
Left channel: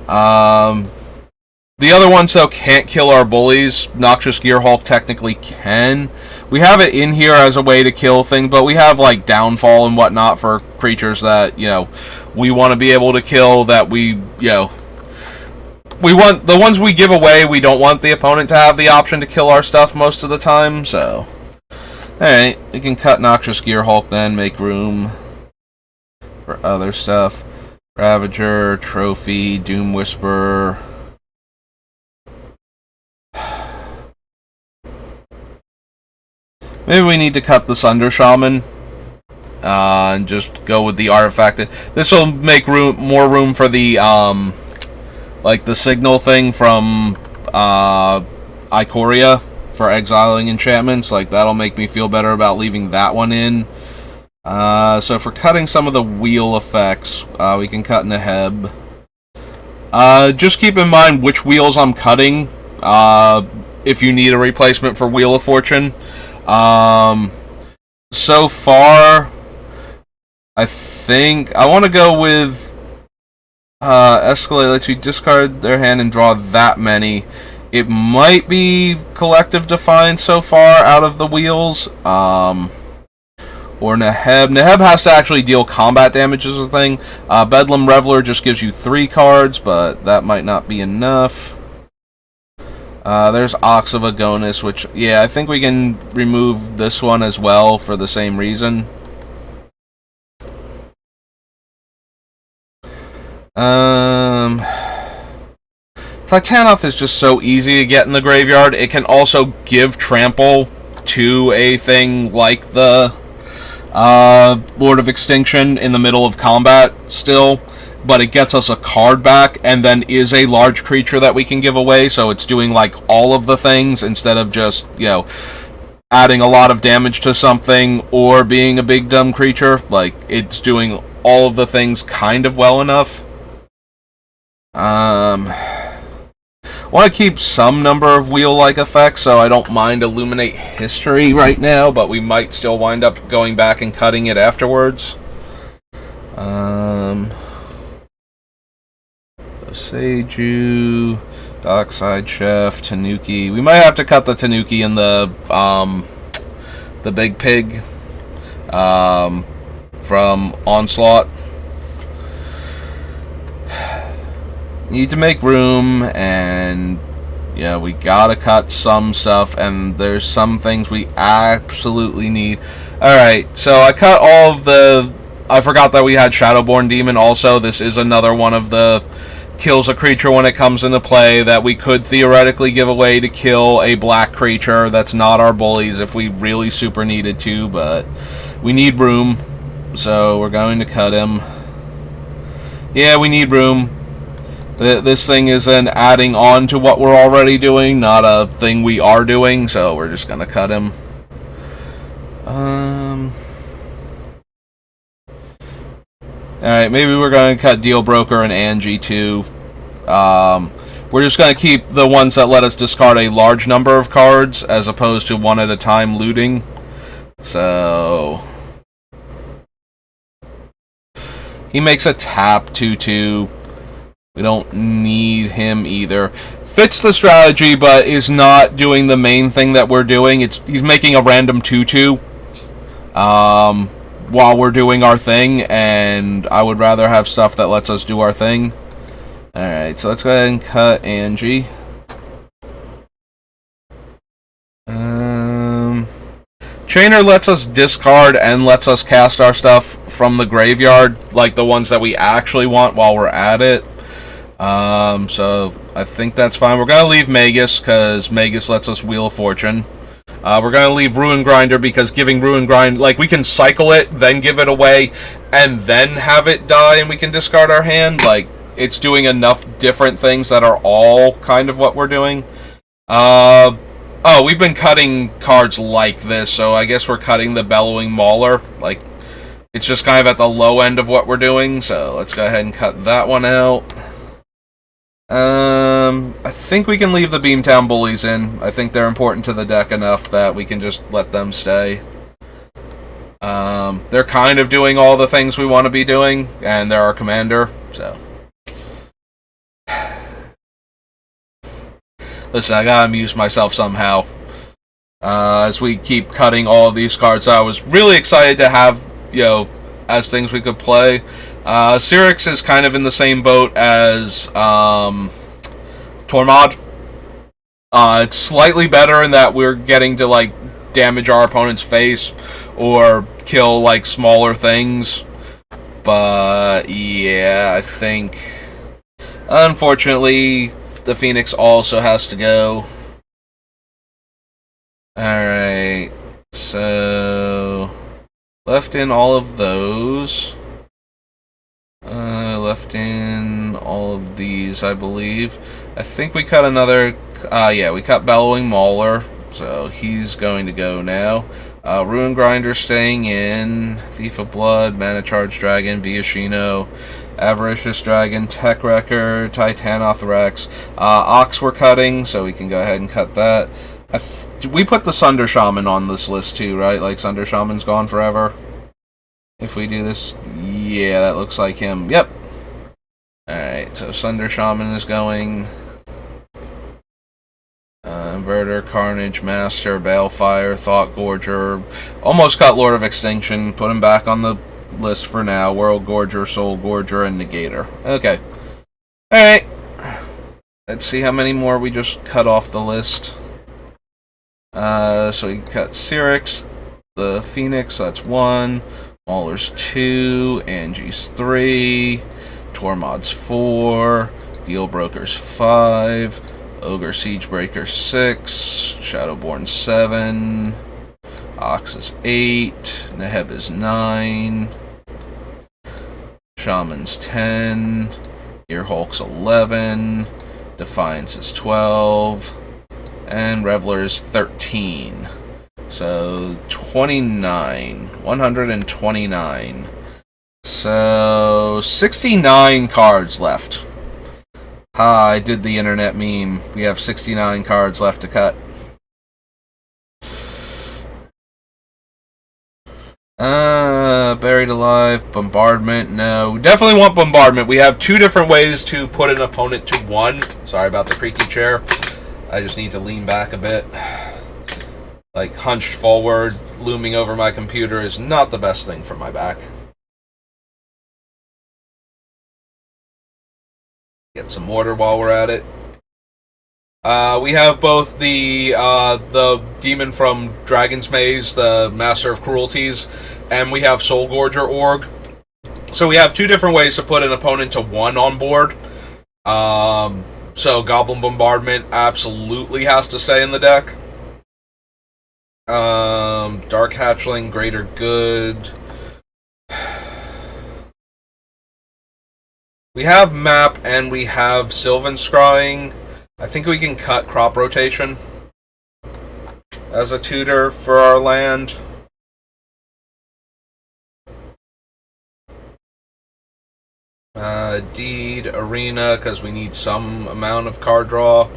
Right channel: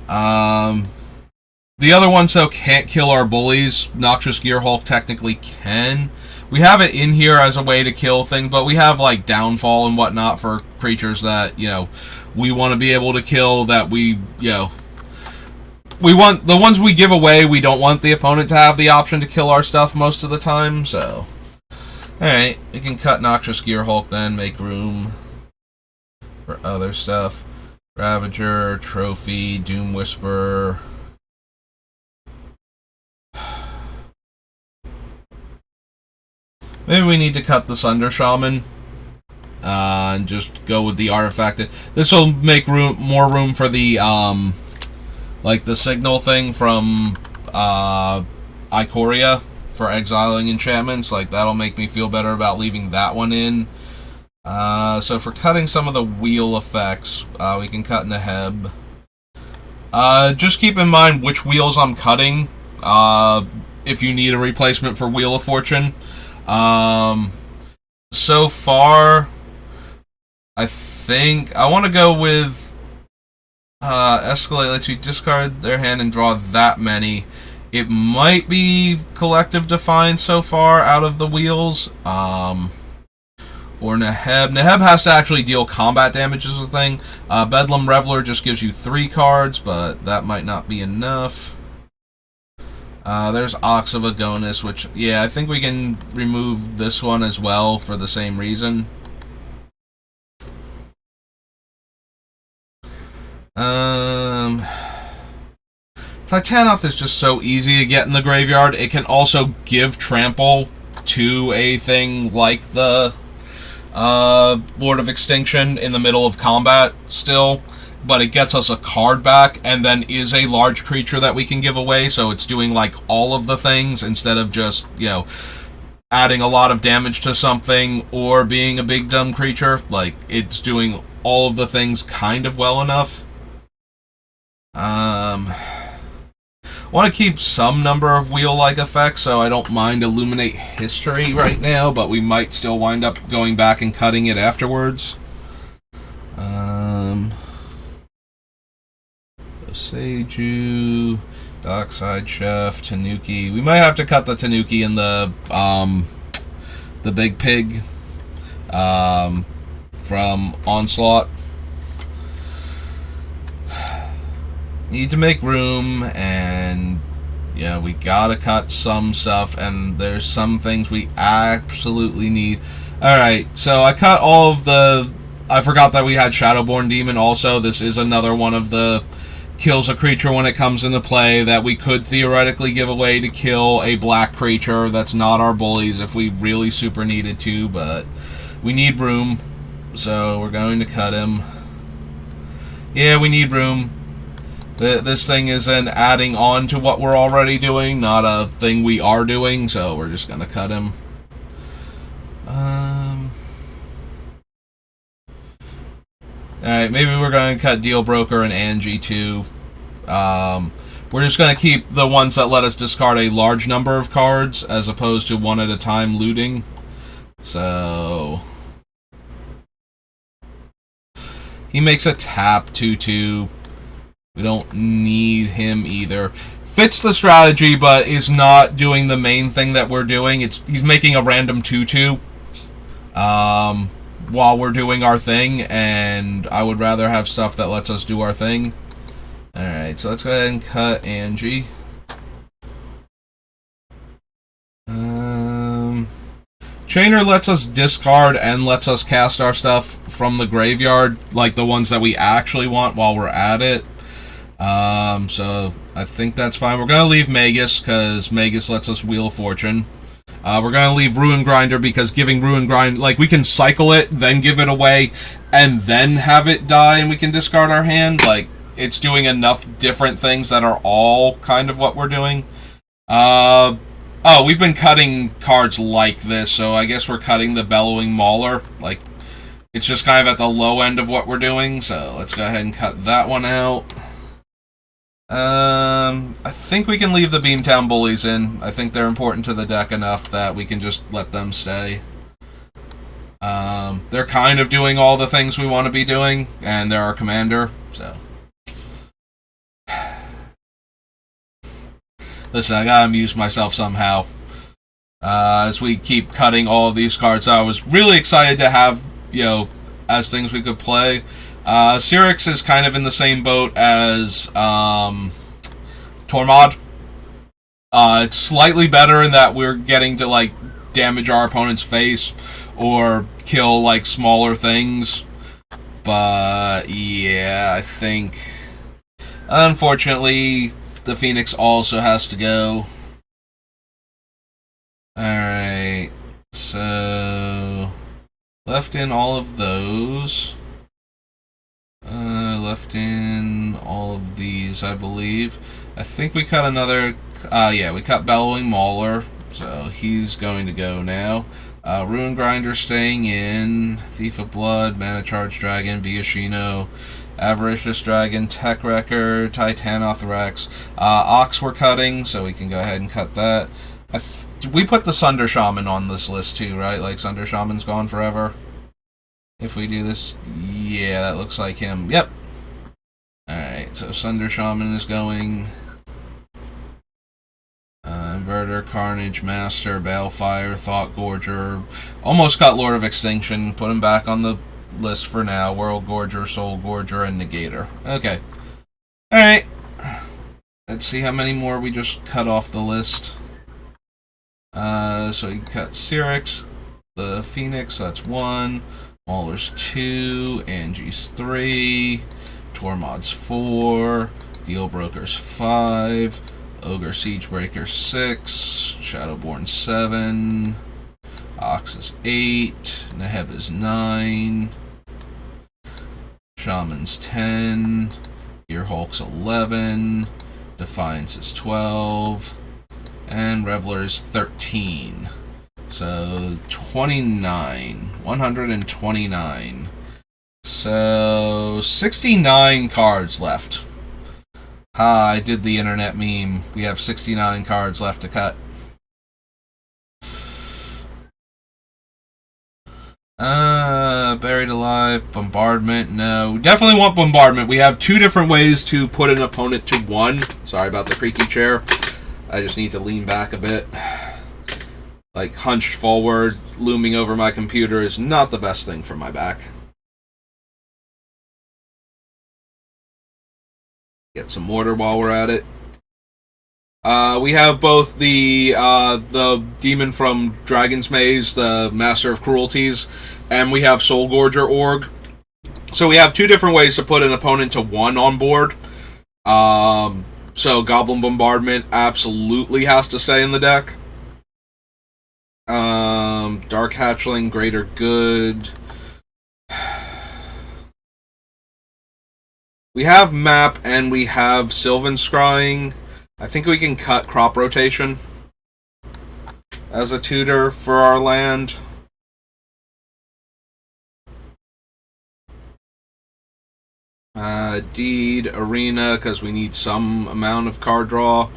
The other ones, though, can't kill our bullies. Noxious Gearhulk technically can. We have it in here as a way to kill things, but we have, like, Downfall and whatnot for creatures that, you know, we want to be able to kill, that we, you know... We want... The ones we give away, we don't want the opponent to have the option to kill our stuff most of the time, so... Alright, we can cut Noxious Gearhulk then, make room for other stuff. Ravager, Trophy, Doom Whisperer... Maybe we need to cut the Sunder Shaman and just go with the artifact. This will make more room for the like the signal thing from Ikoria for exiling enchantments. Like, that'll make me feel better about leaving that one in. So for cutting some of the wheel effects, we can cut Neheb. Just keep in mind which wheels I'm cutting. If you need a replacement for Wheel of Fortune. So far, I think I want to go with Escalate lets you discard their hand and draw that many. It might be Collective Defiance so far out of the wheels. Or Neheb. Neheb has to actually deal combat damage as a thing. Bedlam Reveler just gives you 3 cards, but that might not be enough. There's Ox of Adonis, which, yeah, I think we can remove this one as well for the same reason. Titanoth is just so easy to get in the graveyard. It can also give trample to a thing like the Lord of Extinction in the middle of combat still. But it gets us a card back, and then is a large creature that we can give away, so it's doing, like, all of the things, instead of just, you know, adding a lot of damage to something, or being a big dumb creature. Like, it's doing all of the things kind of well enough. I want to keep some number of wheel-like effects, so I don't mind Illuminate History right now, but we might still wind up going back and cutting it afterwards. Seiju, Dockside Chef, Tanuki. We might have to cut the Tanuki and the Big Pig from Onslaught. Need to make room, and yeah, we gotta cut some stuff, and there's some things we absolutely need. Alright, so I cut all of the... I forgot that we had Shadowborn Demon also. This is another one of the kills a creature when it comes into play that we could theoretically give away to kill a black creature that's not our bullies if we really super needed to, but we need room, so we're going to cut him. Yeah, we need room. This thing is an adding on to what we're already doing, not a thing we are doing, so we're just gonna cut him. Alright, maybe we're going to cut Deal Broker and Angie too. We're just going to keep the ones that let us discard a large number of cards as opposed to one at a time looting. So he makes a tap 2/2. We don't need him either. Fits the strategy, but is not doing the main thing that we're doing. He's making a random 2/2 while we're doing our thing, and I would rather have stuff that lets us do our thing. Alright, so let's go ahead and cut Angie. Trainer lets us discard and lets us cast our stuff from the graveyard, like the ones that we actually want while we're at it. So I think that's fine. We're going to leave Magus, because Magus lets us Wheel of Fortune. We're going to leave Ruin Grinder, because giving Ruin Grinder, like, we can cycle it, then give it away, and then have it die, and we can discard our hand. Like, it's doing enough different things that are all kind of what we're doing. Oh, we've been cutting cards like this, so I guess we're cutting the Bellowing Mauler. Like, it's just kind of at the low end of what we're doing, so let's go ahead and cut that one out. I think we can leave the Beamtown Bullies in. I think they're important to the deck enough that we can just let them stay. They're kind of doing all the things we want to be doing, and they're our commander, so... Listen, I gotta amuse myself somehow. As we keep cutting all of these cards, I was really excited to have, as things we could play. Cyrix is kind of in the same boat as Tormod. It's slightly better in that we're getting to, like, damage our opponent's face or kill, like, smaller things. But, yeah, I think... Unfortunately... The Phoenix also has to go. Alright. So... Left in all of those. Left in all of these, I believe. I think we cut another... yeah, we cut Bellowing Mauler. So he's going to go now. Ruin Grinder staying in. Thief of Blood, Mana Charge Dragon, Viashino, Avaricious Dragon, Tech Wrecker, Titanoth Rex. Ox we're cutting, so we can go ahead and cut that. We put the Sunder Shaman on this list too, right? Like, Sunder Shaman's gone forever. If we do this... Yeah, that looks like him. Yep. Alright, so Sunder Shaman is going... Inverter, Carnage, Master, Balefire, Thought Gorger. Almost got Lord of Extinction. Put him back on the list for now. World Gorger, Soul Gorger, and Negator. Okay. Alright. Let's see how many more we just cut off the list. So we cut Cyrix, the Phoenix, that's 1. Mauler's 2. Angie's 3. Tormod's 4. Deal Broker's 5. Ogre Siegebreaker 6, Shadowborn 7, Ox is 8, Neheb is 9, Shaman's 10, Earhulk's 11, Defiance is 12, and Reveler is 13. So 29, 129. So 69 cards left. I did the internet meme. We have 69 cards left to cut. Buried Alive, Bombardment, no. We definitely want Bombardment. We have 2 different ways to put an opponent to 1. Sorry about the creaky chair. I just need to lean back a bit. Like, hunched forward, looming over my computer is not the best thing for my back. Get some mortar while we're at it. We have both the demon from Dragon's Maze, the Master of Cruelties, and we have Soul Gorger Org. So we have 2 different ways to put an opponent to 1 on board. So Goblin Bombardment absolutely has to stay in the deck. Dark Hatchling, Greater Good. We have Map and we have Sylvan Scrying. I think we can cut Crop Rotation as a tutor for our land. Deed, Arena, because we need some amount of card draw.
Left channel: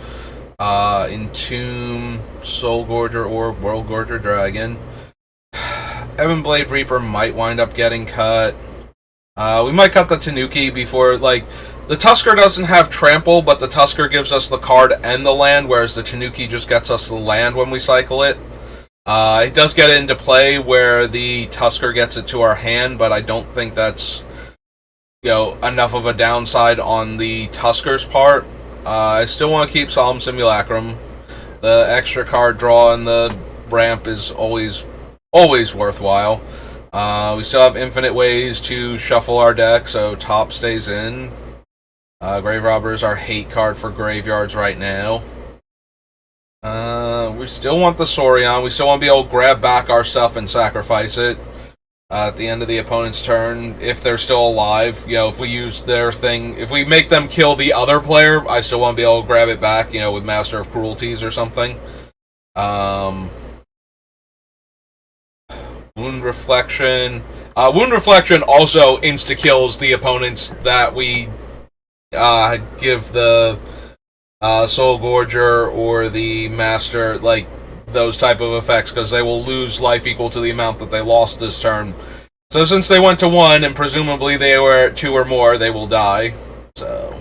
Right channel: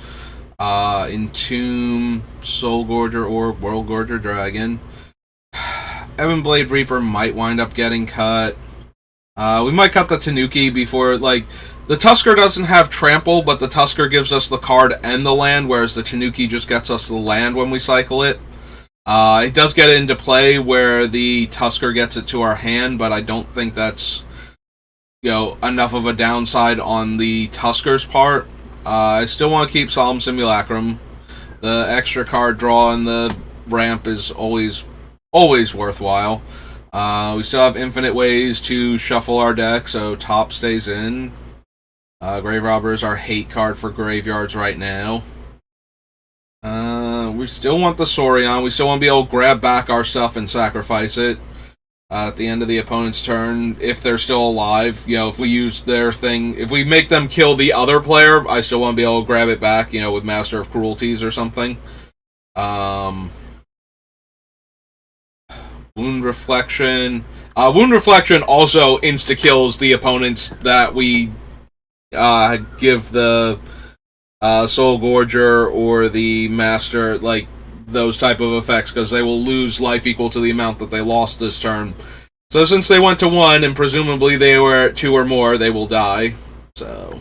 Entomb, Soul Gorger, or World Gorger Dragon. Ebonblade Reaper might wind up getting cut. We might cut the Tanuki before, like, the Tusker doesn't have Trample, but the Tusker gives us the card and the land, whereas the Tanuki just gets us the land when we cycle it. It does get into play where the Tusker gets it to our hand, but I don't think that's, enough of a downside on the Tusker's part. I still want to keep Solemn Simulacrum. The extra card draw and the ramp is always worthwhile. We still have infinite ways to shuffle our deck, so top stays in. Grave Robber is our hate card for graveyards right now. We still want the Saurian. We still want to be able to grab back our stuff and sacrifice it at the end of the opponent's turn, if they're still alive. If we use their thing, if we make them kill the other player, I still want to be able to grab it back, with Master of Cruelties or something. Wound Reflection. Wound Reflection also insta-kills the opponents that we give the Soul Gorger or the Master, like, those type of effects, because they will lose life equal to the amount that they lost this turn. So since they went to 1, and presumably they were at 2 or more, they will die. So,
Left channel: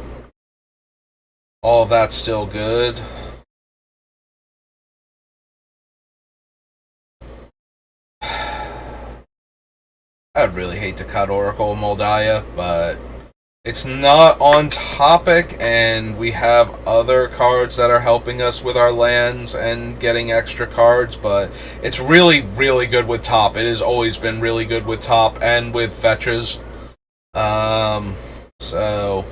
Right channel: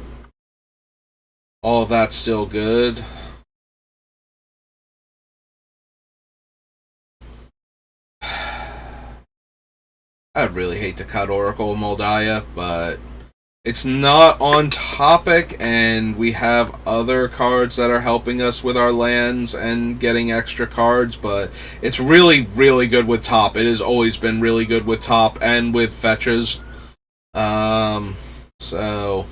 all of that's still good. I'd really hate to cut Oracle of Moldiah, but it's not on topic, and we have other cards that are helping us with our lands and getting extra cards, but it's really, really good with top. It has always been really good with top and with fetches. So...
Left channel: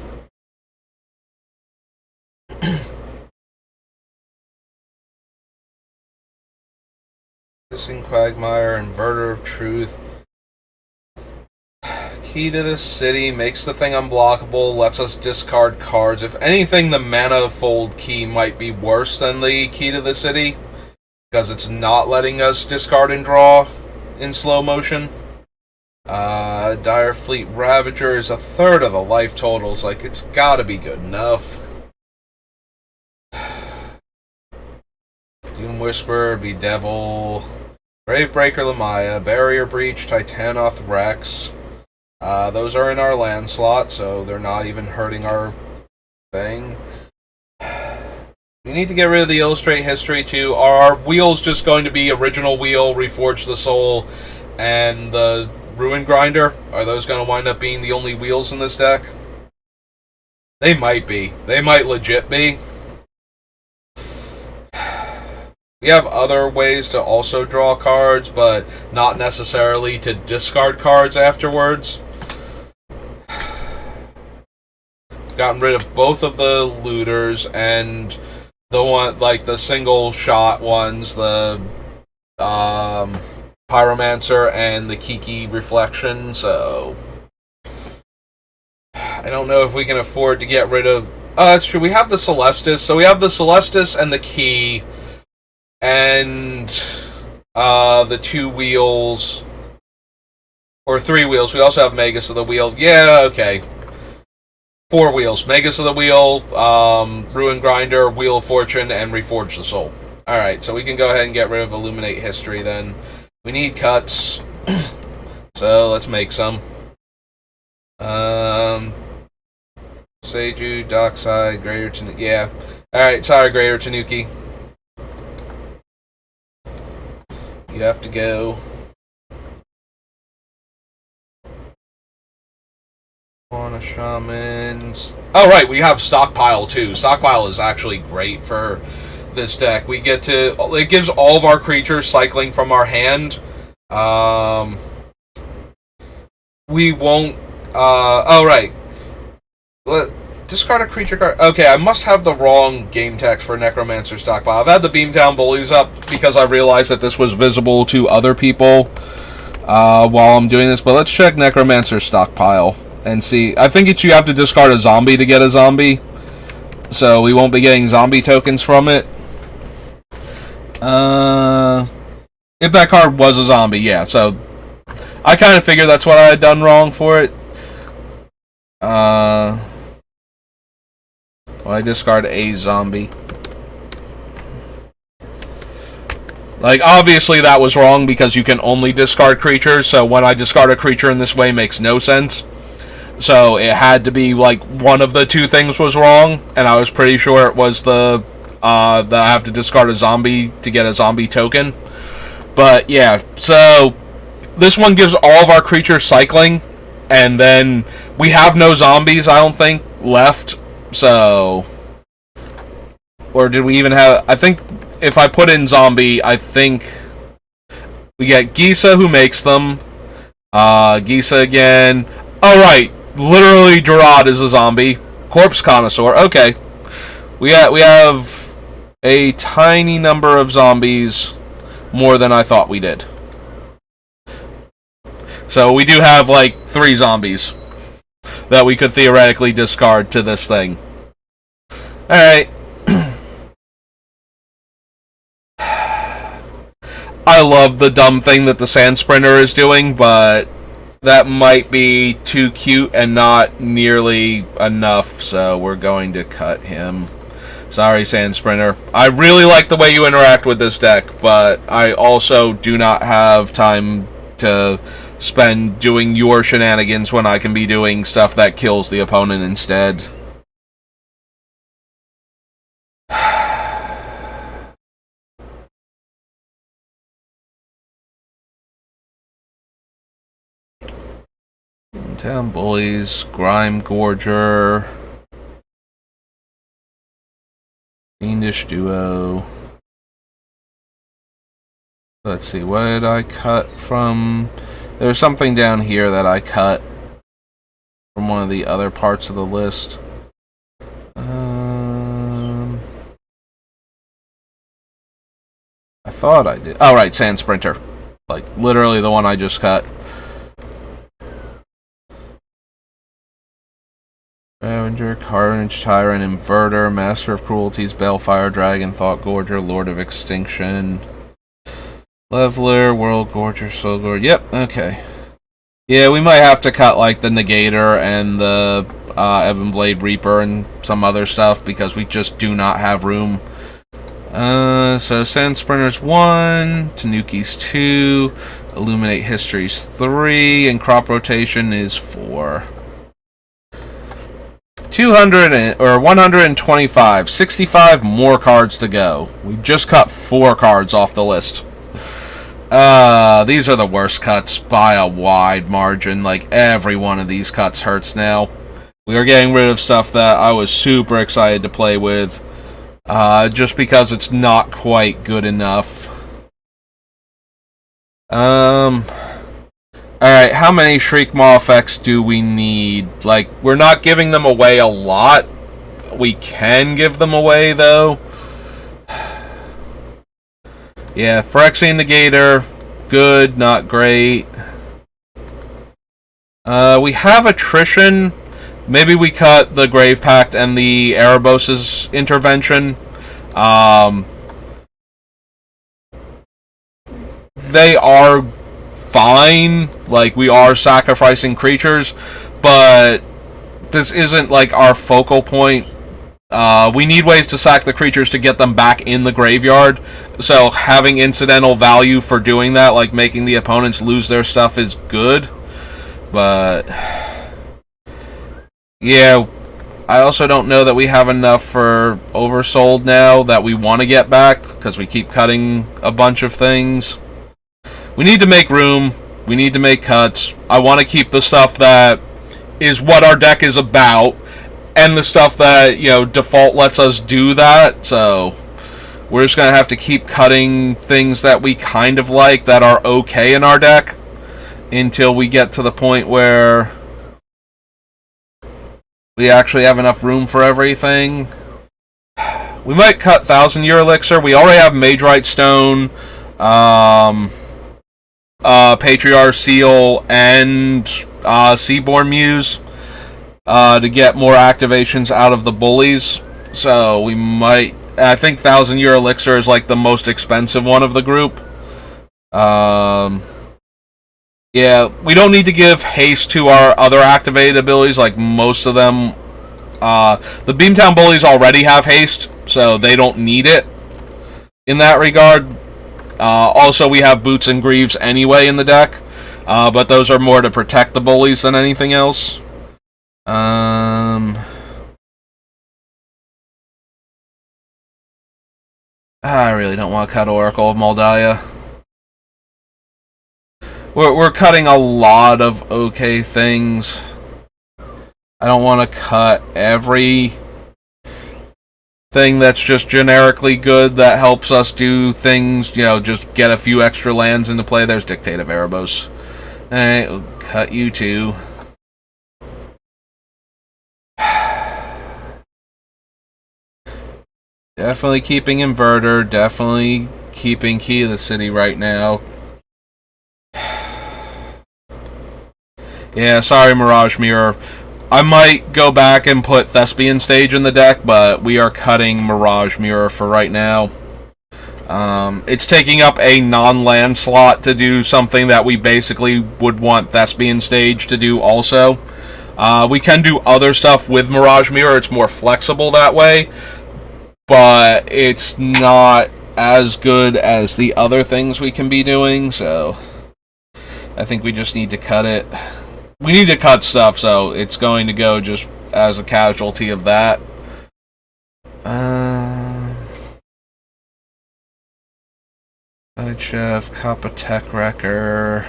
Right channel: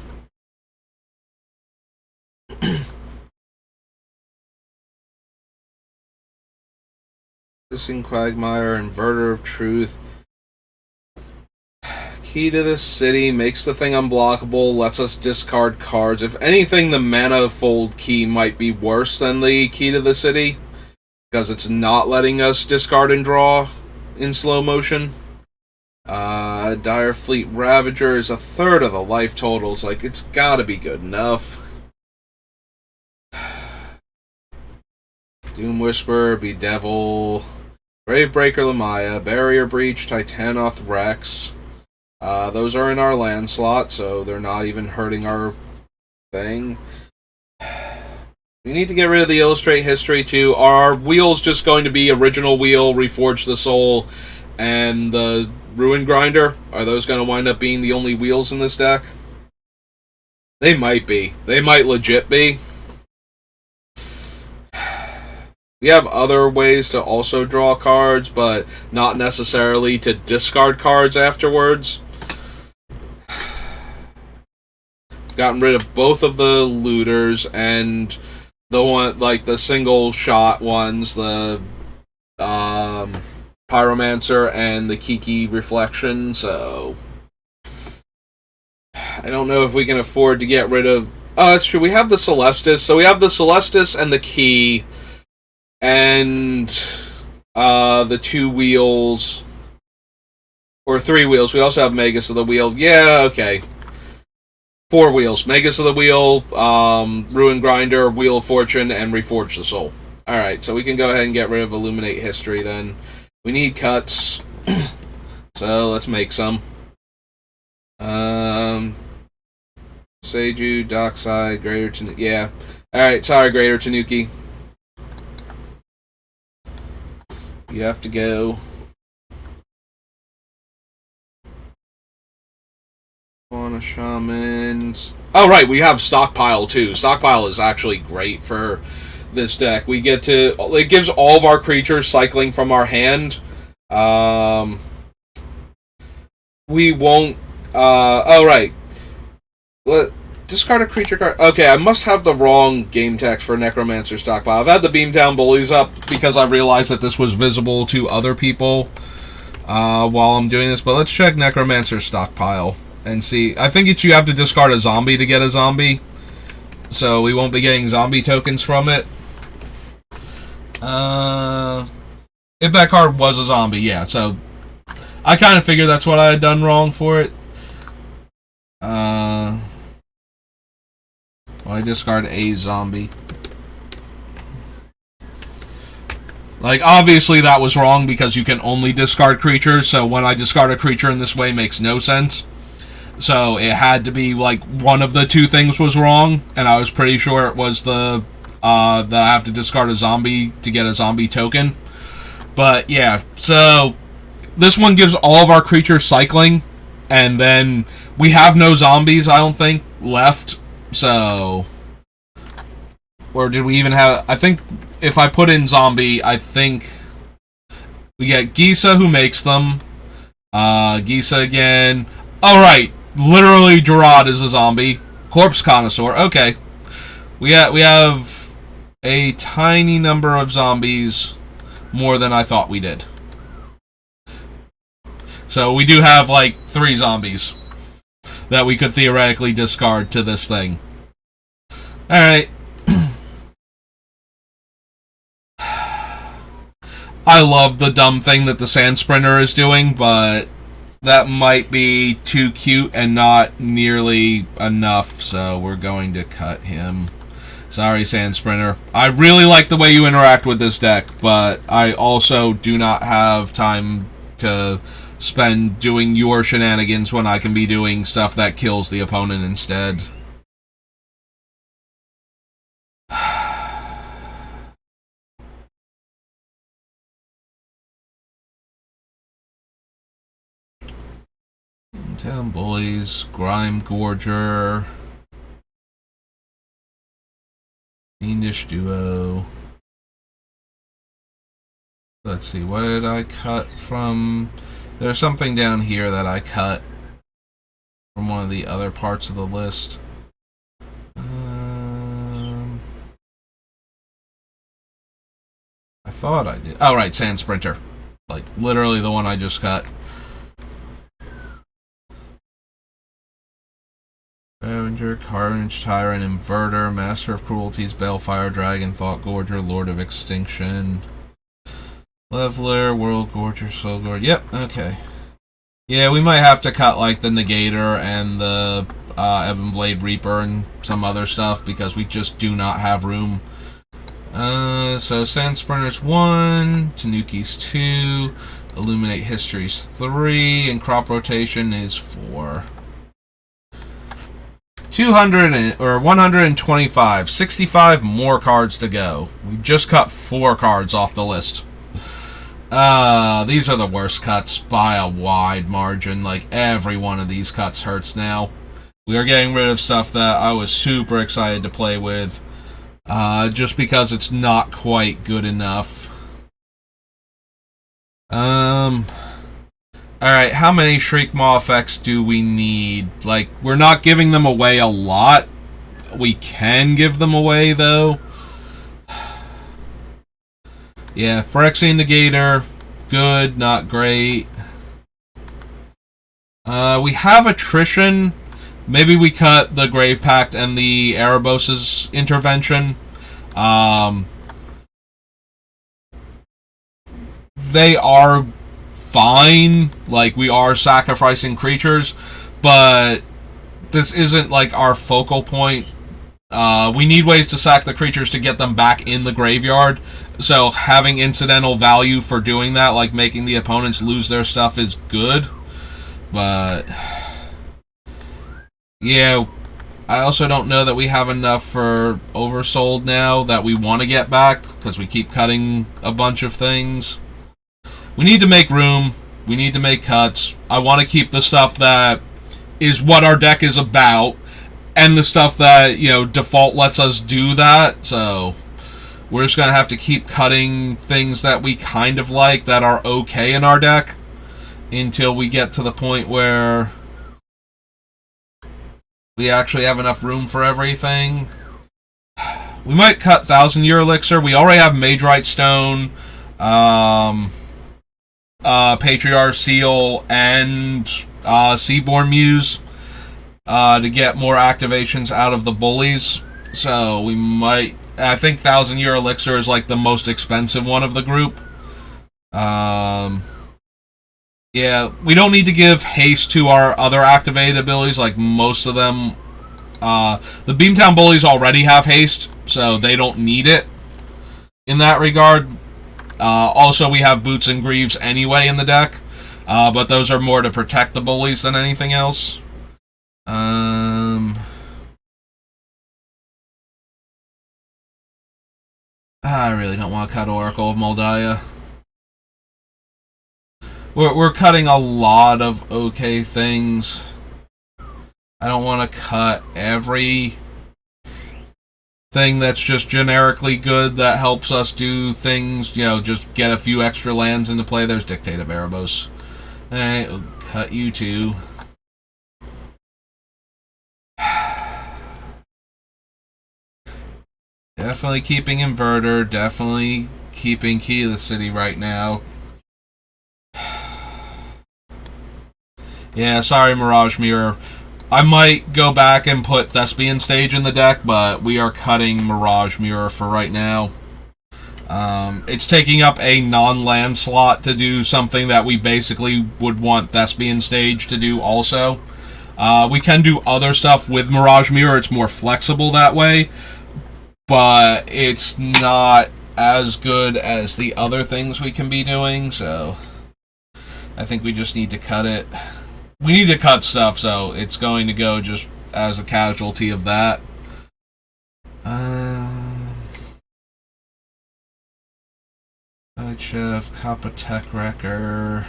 Missing Quagmire, Inverter of Truth. Key to the City makes the thing unblockable, lets us discard cards. If anything, the Manifold Key might be worse than the Key to the City, because it's not letting us discard and draw in slow motion. Dire Fleet Ravager is a third of the life totals. Like, it's gotta be good enough. Doom Whisperer, Bedevil, Gravebreaker Lamaya, Barrier Breach, Titanoth Rex. Those are in our land slot, so they're not even hurting our thing. We need to get rid of the Illustrate History, too. Are our wheels just going to be Original Wheel, Reforge the Soul, and the Ruin Grinder? Are those going to wind up being the only wheels in this deck? They might be. They might legit be. We have other ways to also draw cards, but not necessarily to discard cards afterwards. Gotten rid of both of the looters and the one, like the single shot ones, the Pyromancer and the Kiki Reflection, so I don't know if we can afford to get rid of... that's true, we have the Celestis, so we have the Celestis and the Key, and the 2 wheels, or 3 wheels. We also have Magus of the Wheel. Yeah, okay. 4 wheels. Magus of the Wheel, Ruin Grinder, Wheel of Fortune, and Reforge the Soul. Alright, so we can go ahead and get rid of Illuminate History then. We need cuts, so let's make some. Seiju, Dockside, Greater Tanuki. Yeah. Alright, sorry, Greater Tanuki. You have to go. On a shaman. Oh, right, we have Stockpile too. Stockpile is actually great for this deck. We get to... It gives all of our creatures cycling from our hand. We won't... oh, right. Discard a creature card. Okay, I must have the wrong game text for Necromancer Stockpile. I've had the Beamtown Bullies up because I realized that this was visible to other people while I'm doing this. But let's check Necromancer Stockpile and see. I think you have to discard a zombie to get a zombie. So we won't be getting zombie tokens from it. If that card was a zombie, yeah. So I kind of figured that's what I had done wrong for it. Well, I discard a zombie. Like, obviously that was wrong because you can only discard creatures, so when I discard a creature in this way makes no sense. So it had to be, like, one of the two things was wrong, and I was pretty sure it was that I have to discard a zombie to get a zombie token. But, yeah, so this one gives all of our creatures cycling, and then we have no zombies, I don't think, left, so... Or did we even have... I think if I put in zombie, I think we get Gisa who makes them. Gisa again. Oh, right. Literally, Gerard is a zombie. Corpse Connoisseur. Okay. We have a tiny number of zombies, more than I thought we did. So we do have, like, 3 zombies that we could theoretically discard to this thing. Alright. I love the dumb thing that the Sand Sprinter is doing, but that might be too cute and not nearly enough, so we're going to cut him. Sorry, Sand Sprinter. I really like the way you interact with this deck, but I also do not have time to spend doing your shenanigans when I can be doing stuff that kills the opponent instead. Beamtown Bullies, Grime Gorger, Fiendish Duo. Let's see, what did I cut from... There's something down here that I cut from one of the other parts of the list. I thought I did. Oh, right, Sand Sprinter. Like, literally the one I just cut. Ravager, Carnage, Tyrant, Inverter, Master of Cruelties, Balefire, Dragon, Thought Gorger, Lord of Extinction, Leveler, World Gorger, Soul Gorger. Yep, okay. Yeah, we might have to cut, like, the Negator and the Ebonblade Reaper and some other stuff because we just do not have room. So Sand Sprinter's 1, Tanuki's 2, Illuminate History's 3, and Crop Rotation is 4. 125, 65 more cards to go. We just cut 4 cards off the list. These are the worst cuts by a wide margin. Like, every one of these cuts hurts now. We are getting rid of stuff that I was super excited to play with. Just because it's not quite good enough. Alright, how many Shriek Maw effects do we need? Like, we're not giving them away a lot. We can give them away, though. Yeah, Phyrexian Negator, good, not great. We have Attrition. Maybe we cut the Grave Pact and the Erebos' intervention. They are fine. Like, we are sacrificing creatures, but this isn't, like, our focal point. We need ways to sack the creatures to get them back in the graveyard. So having incidental value for doing that, like making the opponents lose their stuff, is good. But yeah, I also don't know that we have enough for Oversold now that we want to get back, because we keep cutting a bunch of things. We need to make room. We need to make cuts. I want to keep the stuff that is what our deck is about, and the stuff that, you know, default lets us do that. So we're just going to have to keep cutting things that we kind of like, that are okay in our deck, until we get to the point where we actually have enough room for everything. We might cut 1,000-Year Elixir. We already have Magerite Stone, Patriarch Seal, and Seaborn Muse to get more activations out of the Bullies. So we might... I think 1,000-Year Elixir is like the most expensive one of the group. Yeah, we don't need to give haste to our other activated abilities, like most of them. The Beamtown Bullies already have haste, so they don't need it in that regard. Also, we have Boots and Greaves anyway in the deck, but those are more to protect the Bullies than anything else. I really don't want to cut Oracle of Moldiah. We're cutting a lot of okay things. I don't want to cut every thing that's just generically good that helps us do things, you know, just get a few extra lands into play. There's Dictate of Erebos. Alright, we'll cut you too. Definitely keeping Inverter, definitely keeping Key to the City right now. Yeah, sorry, Mirage Mirror. I might go back and put Thespian Stage in the deck, but we are cutting Mirage Mirror for right now. It's taking up a non-land slot to do something that we basically would want Thespian Stage to do also. We can do other stuff with Mirage Mirror. It's more flexible that way, but it's not as good as the other things we can be doing, so I think we just need to cut it. We need to cut stuff, so it's going to go just as a casualty of that. Chef, Kappa Tech Wrecker.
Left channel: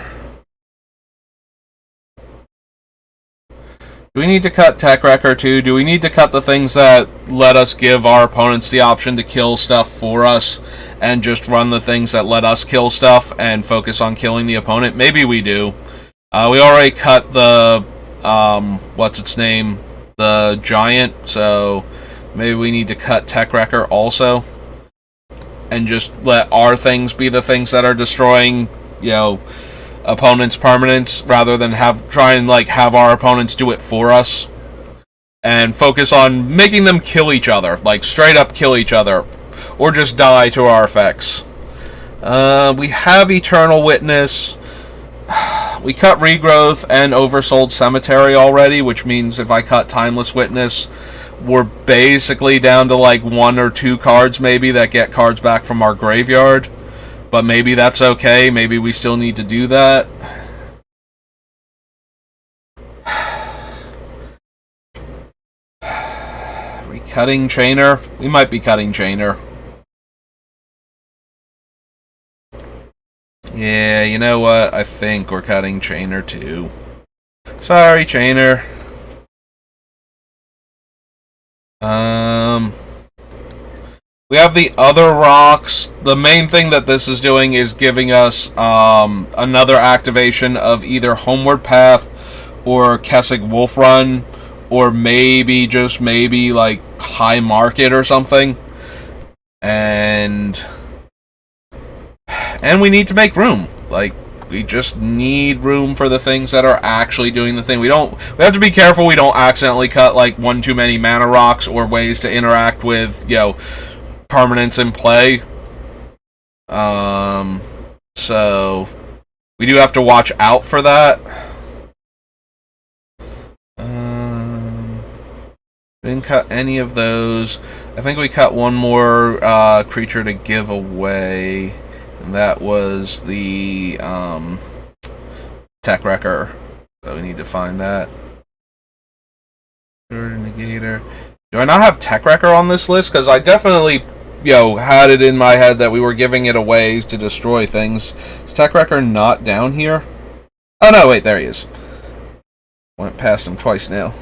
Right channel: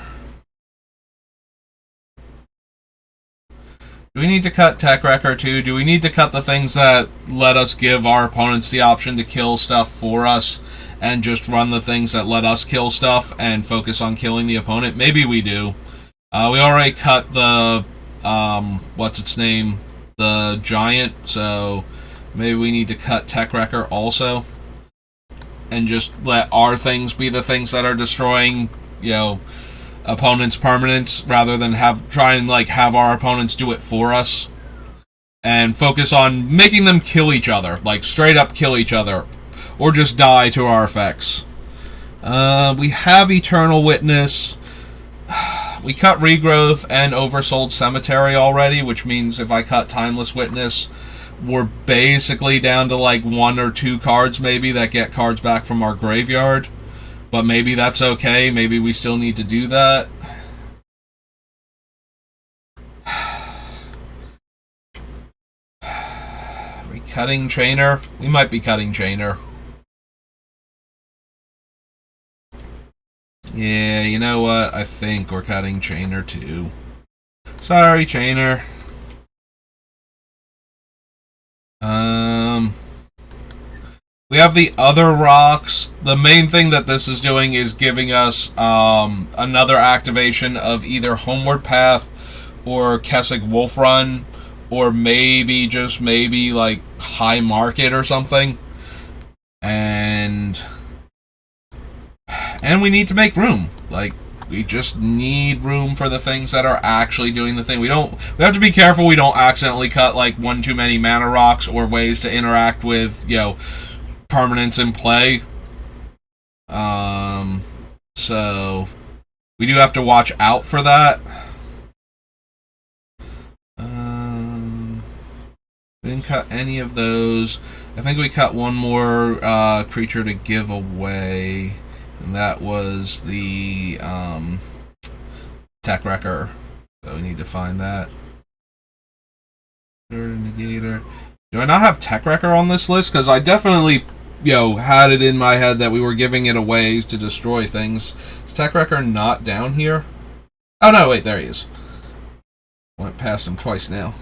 Do we need to cut Tech Wrecker too? Do we need to cut the things that let us give our opponents the option to kill stuff for us and just run the things that let us kill stuff and focus on killing the opponent? Maybe we do. We already cut the, what's its name? The Giant, so maybe we need to cut Tech Wrecker also. And just let our things be the things that are destroying, you know, opponents' permanents, rather than try and have our opponents do it for us. And focus on making them kill each other, like straight up kill each other, or just die to our effects. We have Eternal Witness. We cut Regrowth and Oversold Cemetery already, which means if I cut Timeless Witness, we're basically down to 1 or 2 cards maybe that get cards back from our graveyard. But maybe that's okay. Maybe we still need to do that. Are we cutting Chainer? We might be cutting Chainer. Yeah, you know what? I think we're cutting Chainer too. Sorry, Chainer. We have the other rocks. The main thing that this is doing is giving us another activation of either Homeward Path or Kessig Wolf Run, or maybe, just maybe, High Market or something. And we need to make room. We just need room for the things that are actually doing the thing. We have to be careful we don't accidentally cut one too many mana rocks or ways to interact with, permanents in play. So we do have to watch out for that. We didn't cut any of those. I think we cut one more creature to give away. And that was the Tech Wrecker. So we need to find that. Negator. Do I not have Tech Wrecker on this list? Because I definitely, had it in my head that we were giving it away to destroy things. Is Tech Wrecker not down here? Oh no, wait, there he is. Went past him twice now.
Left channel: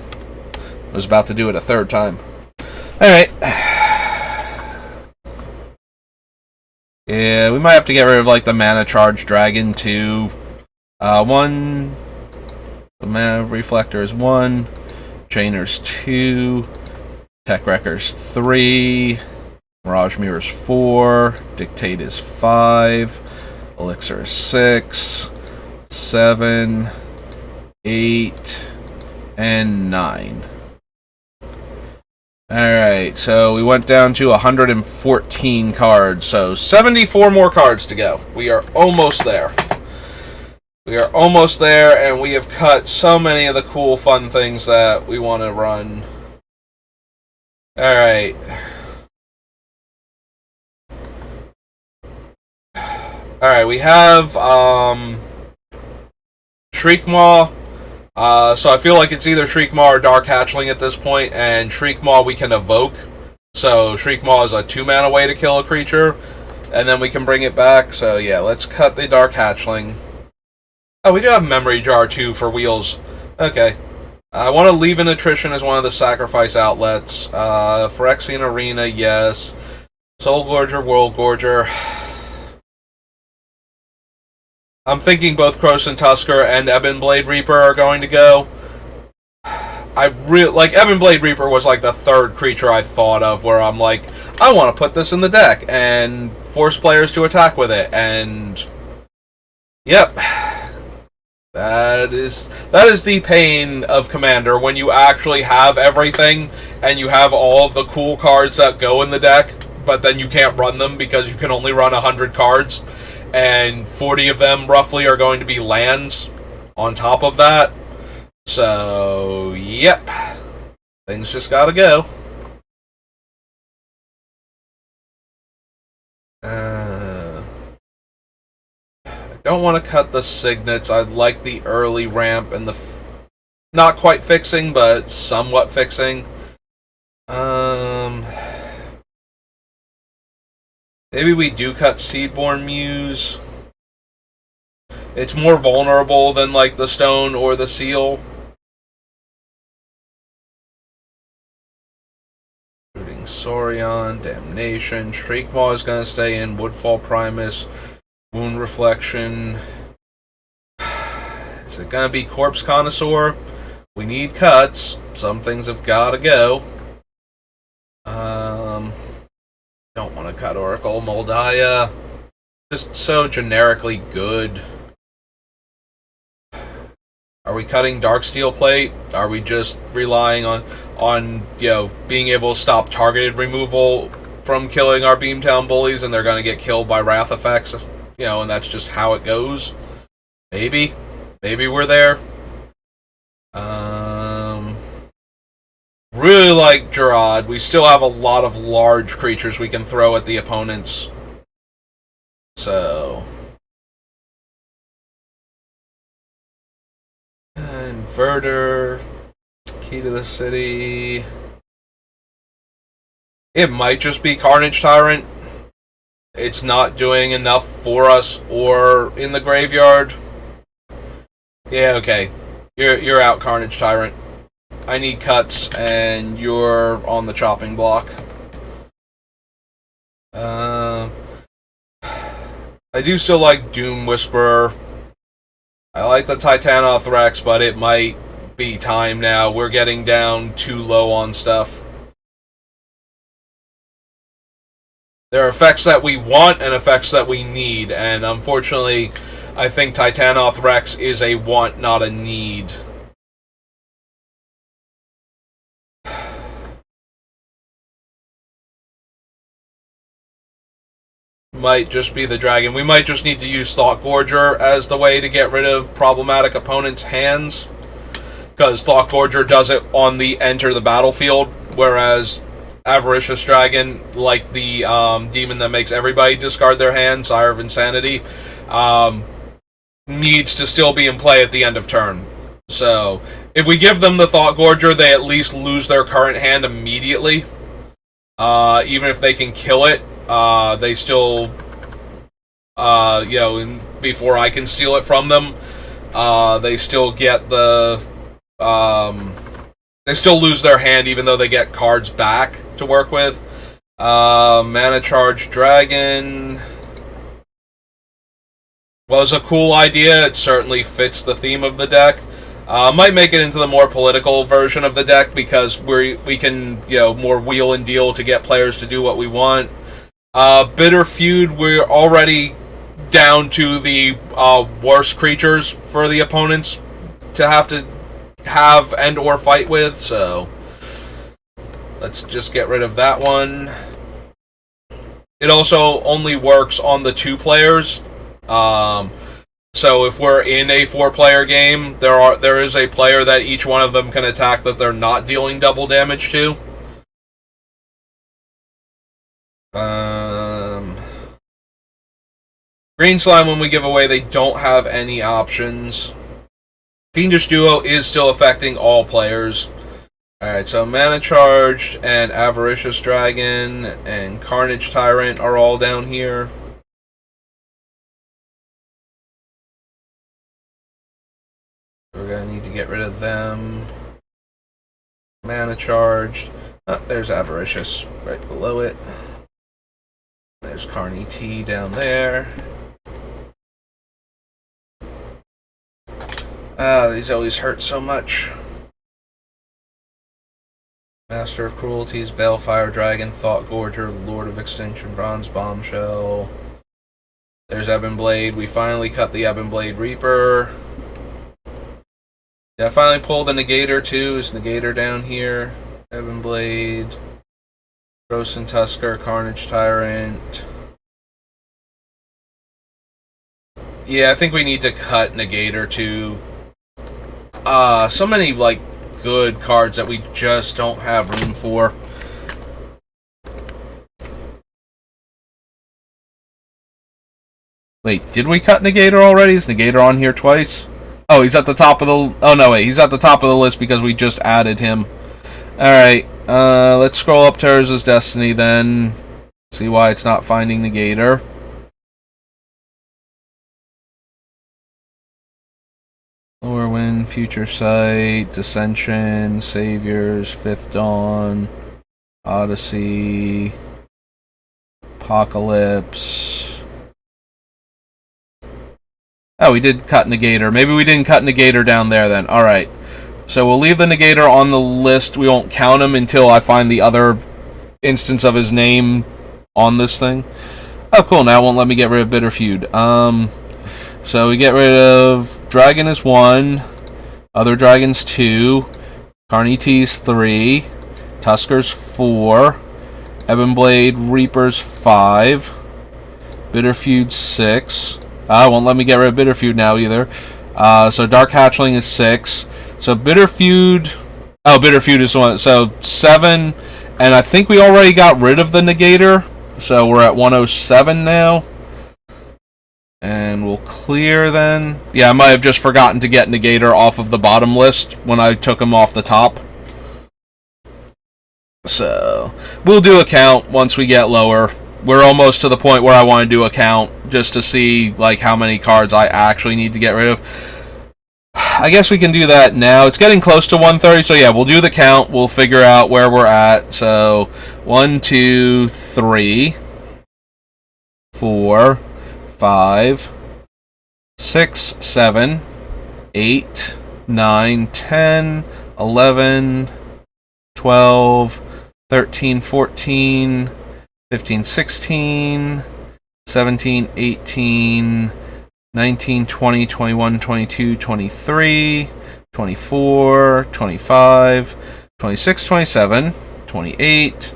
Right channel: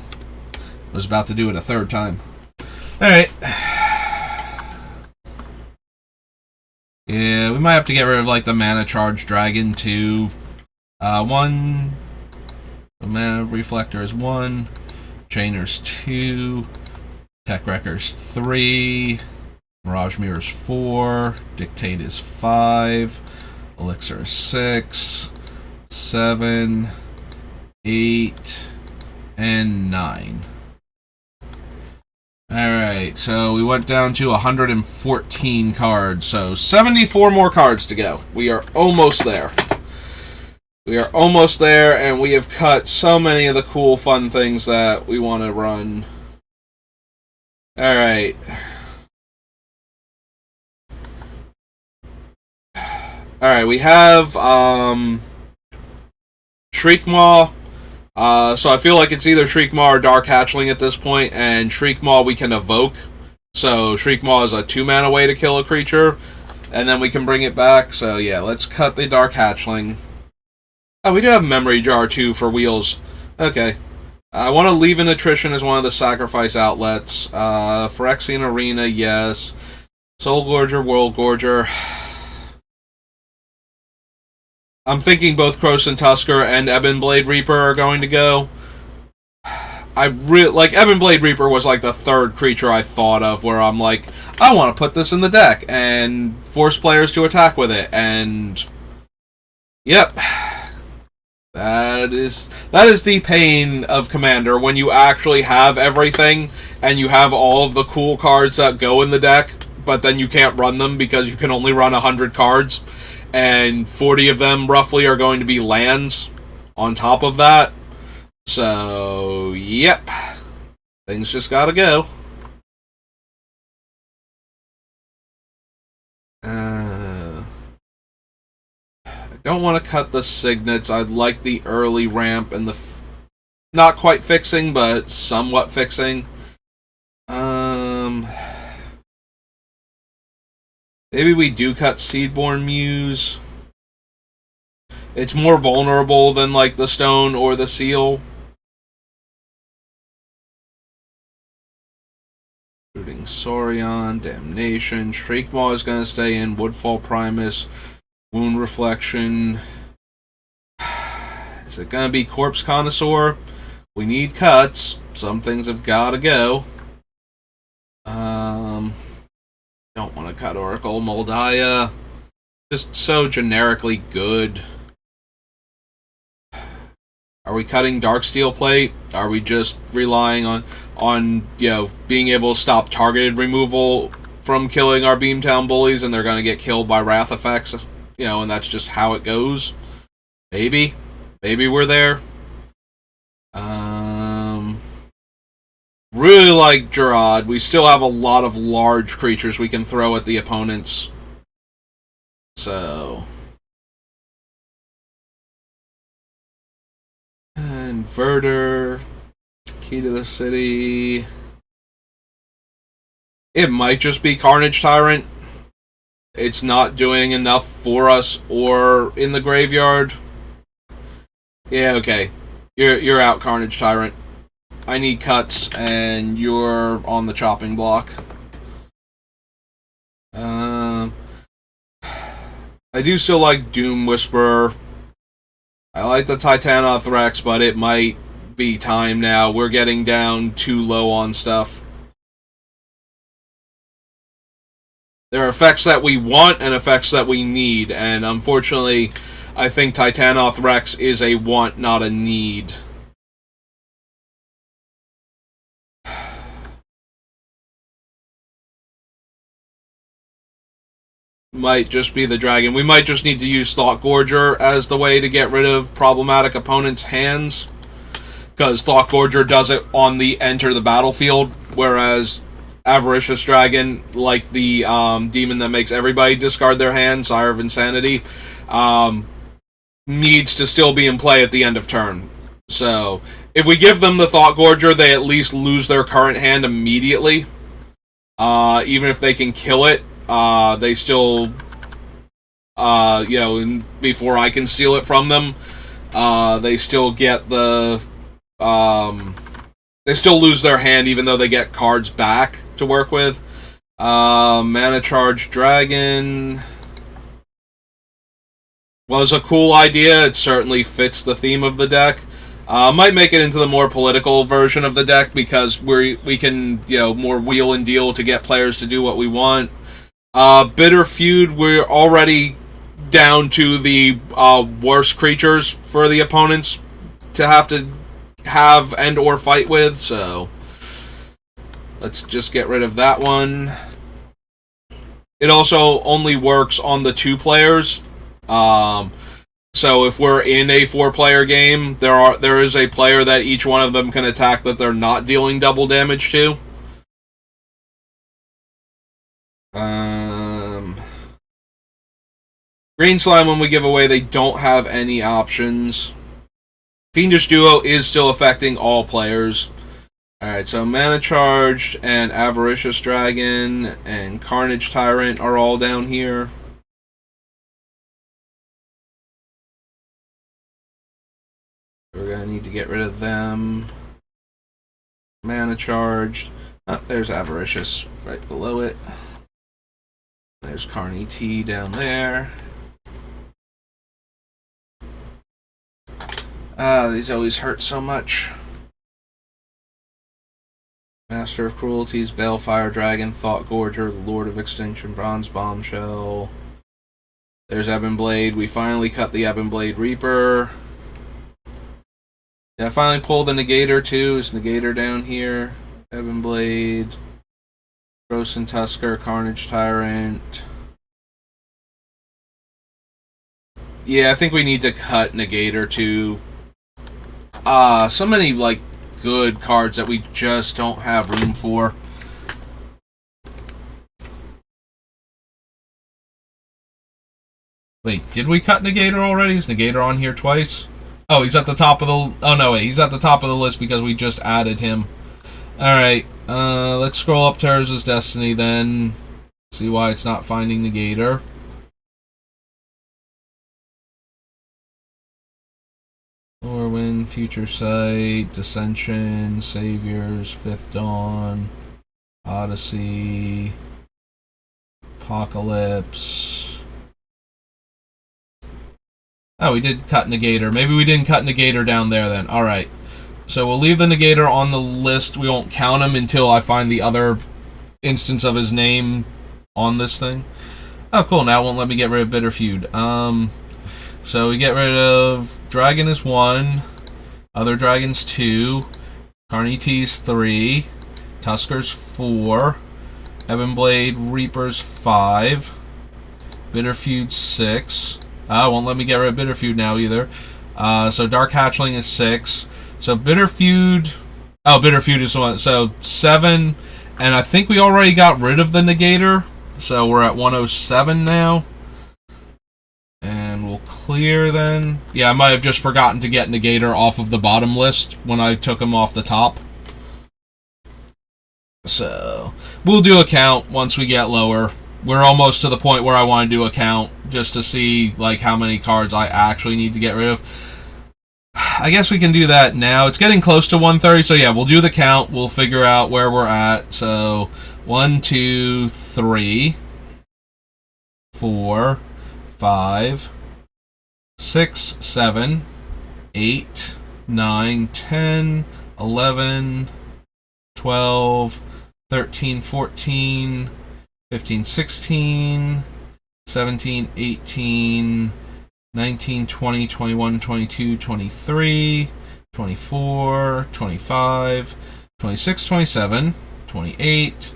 I was about to do it a third time. Alright. Yeah, we might have to get rid of the Mana Charge Dragon too. One. The Mana Reflector is 1. Chainer's 2. Tech Wrecker's 3. Mirage Mirror's 4. Dictate is 5. Elixir is 6. 7. 8. And 9. Alright, so we went down to 114 cards, so 74 more cards to go. We are almost there. We are almost there, and we have cut so many of the cool, fun things that we want to run. Alright. Alright, we have, Shriekmaw. So I feel like it's either Shriekmaw or Dark Hatchling at this point, and Shriekmaw we can evoke. So Shriekmaw is a 2-mana way to kill a creature, and then we can bring it back. So yeah, let's cut the Dark Hatchling. Oh, we do have Memory Jar too for wheels. Okay. I want to leave an attrition as one of the sacrifice outlets. Phyrexian Arena, yes. Soul Gorger, World Gorger. I'm thinking both Krosan Tusker and Ebon Blade Reaper are going to go. Ebon Blade Reaper was like the third creature I thought of where I'm like, I want to put this in the deck and force players to attack with it, and yep. That is the pain of Commander, when you actually have everything and you have all of the cool cards that go in the deck, but then you can't run them because you can only run 100 cards, and 40 of them roughly are going to be lands on top of that. So, yep. Things just gotta go. I don't want to cut the signets. I'd like the early ramp and the not quite fixing, but somewhat fixing. Maybe we do cut Seedborn Muse. It's more vulnerable than like the stone or the seal. Rooting Saurian, Damnation, Shriekmaw is going to stay in, Woodfall Primus, Wound Reflection. Is it going to be Corpse Connoisseur? We need cuts. Some things have got to go. Don't want to cut Oracle Moldaya. Just so generically good. Are we cutting Darksteel Plate? Are we just relying on being able to stop targeted removal from killing our Beamtown bullies, and they're going to get killed by Wrath effects? And that's just how it goes. Maybe we're there. Really like Gerard. We still have a lot of large creatures we can throw at the opponents. So, Inverter, Key to the City. It might just be Carnage Tyrant. It's not doing enough for us or in the graveyard. Yeah, okay. You're out, Carnage Tyrant. I need cuts, and you're on the chopping block. I do still like Doom Whisperer. I like the Titanoth Rex, but it might be time now. We're getting down too low on stuff. There are effects that we want and effects that we need, and unfortunately, I think Titanoth Rex is a want, not a need. Might just be the dragon. We might just need to use Thought Gorger as the way to get rid of problematic opponents' hands, because Thought Gorger does it on the enter the battlefield, whereas Avaricious Dragon, like the demon that makes everybody discard their hand, Sire of Insanity, needs to still be in play at the end of turn. So, if we give them the Thought Gorger, they at least lose their current hand immediately. Even if they can kill it, they still, before I can steal it from them, they still get the, they still lose their hand even though they get cards back to work with. Mana Charge Dragon was a cool idea. It certainly fits the theme of the deck. Might make it into the more political version of the deck because we can, more wheel and deal to get players to do what we want. Bitter Feud, we're already down to the worst creatures for the opponents to have and or fight with, so let's just get rid of that one. It also only works on the 2 players. So if we're in a 4-player game, there is a player that each one of them can attack that they're not dealing double damage to. Green Slime, when we give away, they don't have any options. Fiendish Duo is still affecting all players. Alright, so Mana Charged and Avaricious Dragon and Carnage Tyrant are all down here. We're going to need to get rid of them. Mana Charged. Oh, there's Avaricious right below it. There's Carney T down there. These always hurt so much. Master of Cruelties, Balefire Dragon, Thought Gorger, Lord of Extinction, Bronze Bombshell. There's Ebon Blade. We finally cut the Ebon Blade Reaper. Yeah, I finally pulled the Negator too. Is Negator down here? Ebon Blade. Gross Tusker, Carnage Tyrant. Yeah, I think we need to cut Negator too. So many, like, good cards that we just don't have room for. Wait, did we cut Negator already? Is Negator on here twice? Oh, he's at the top of the... Oh, no, wait. He's at the top of the list because we just added him. Alright, let's scroll up to Urza's Destiny then. See why it's not finding Negator. Lorwyn, Future Sight, Dissension, Saviors, Fifth Dawn, Odyssey, Apocalypse. Oh, we did cut Negator. Maybe we didn't cut Negator down there then. Alright. So we'll leave the Negator on the list. We won't count him until I find the other instance of his name on this thing. Oh, cool. Now it won't let me get rid of Bitter Feud. So we get rid of Dragon is 1, Other Dragons 2, Carney's 3, Tusker's 4, Ebon Blade Reaper's 5, Bitter Feud 6. Won't let me get rid of Bitter Feud now either. So Dark Hatchling is 6. So Bitter Feud... Oh, Bitter Feud is 1. So 7. And I think we already got rid of the Negator. So we're at 107 now. And we'll clear then. Yeah, I might have just forgotten to get Negator off of the bottom list when I took him off the top. So, we'll do a count once we get lower. We're almost to the point where I want to do a count just to see like how many cards I actually need to get rid of. I guess we can do that now. It's getting close to 130, so yeah, we'll do the count. We'll figure out where we're at. So, 1, 2, 3, 4, 5, 6, 7, 8, 9, 10, 11, 12, 13, 14, 15, 16, 17, 18, 19, 20, 21, 22, 23, 24, 25, 26, 27, 28,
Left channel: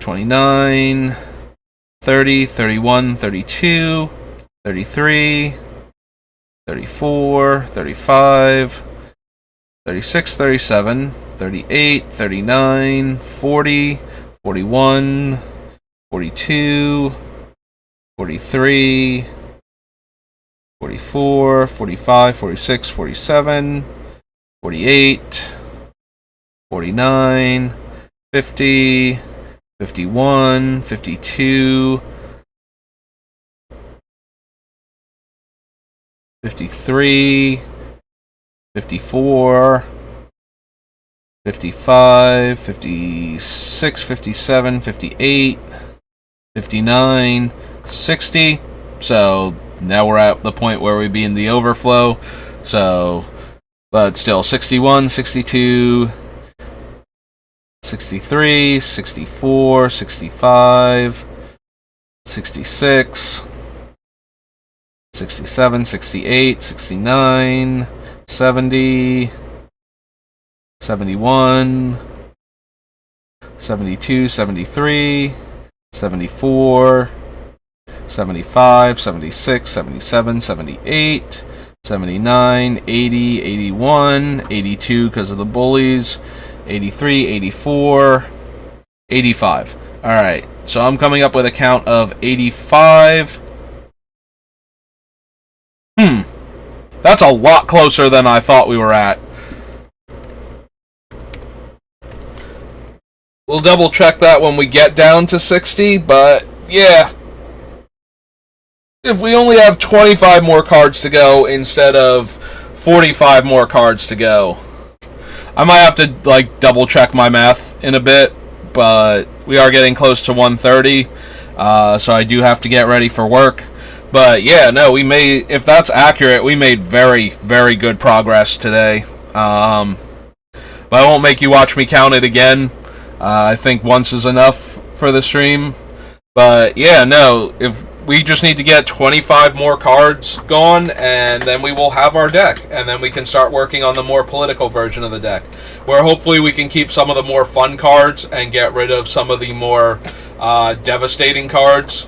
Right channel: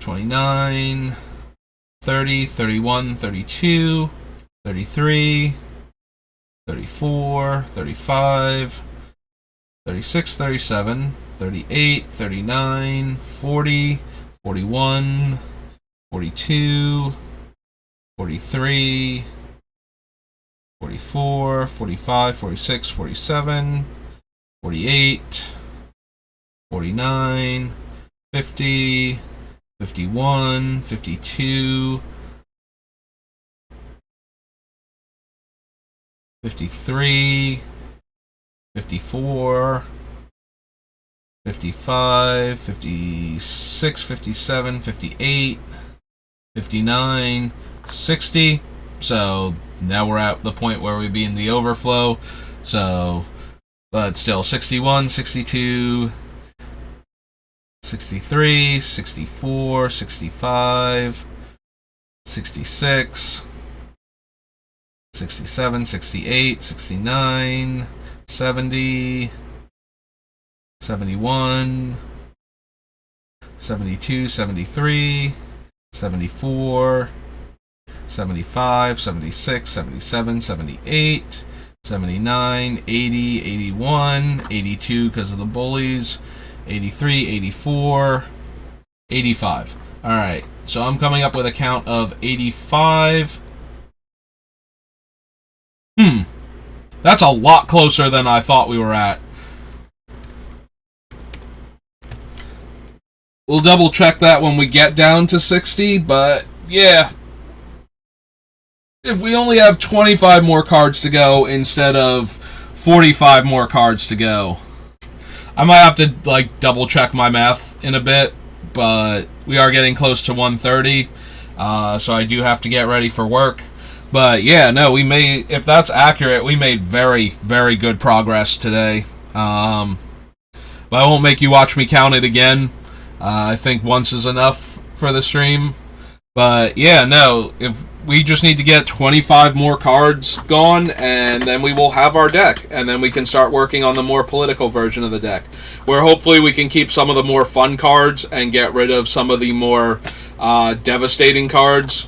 29, 30, 31, 32, 33, 34, 35, 36, 37, 38, 39, 40, 41, 42, 43, 44, 45, 46, 47, 48, 49, 50, 51, 52, 53, 54, 55, 56, 57, 58, 59, 60. So now we're at the point where we'd be in the overflow. So, but still 61, 62, 63, 64, 65, 66, 67, 68, 69, 70, 71, 72, 73, 74, 75, 76, 77, 78, 79, 80, 81, 82 because of the Bullies, 83, 84, 85. Alright, so I'm coming up with a count of 85. That's a lot closer than I thought we were at. We'll double check that when we get down to 60, but yeah. If we only have 25 more cards to go instead of 45 more cards to go. I might have to double check my math in a bit, but we are getting close to 1:30, so I do have to get ready for work. But yeah, no, we made, if that's accurate, we made very, very good progress today. But I won't make you watch me count it again. I think once is enough for the stream. But yeah, no, if we just need to get 25 more cards gone, and then we will have our deck, and then we can start working on the more political version of the deck, where hopefully we can keep some of the more fun cards and get rid of some of the more devastating cards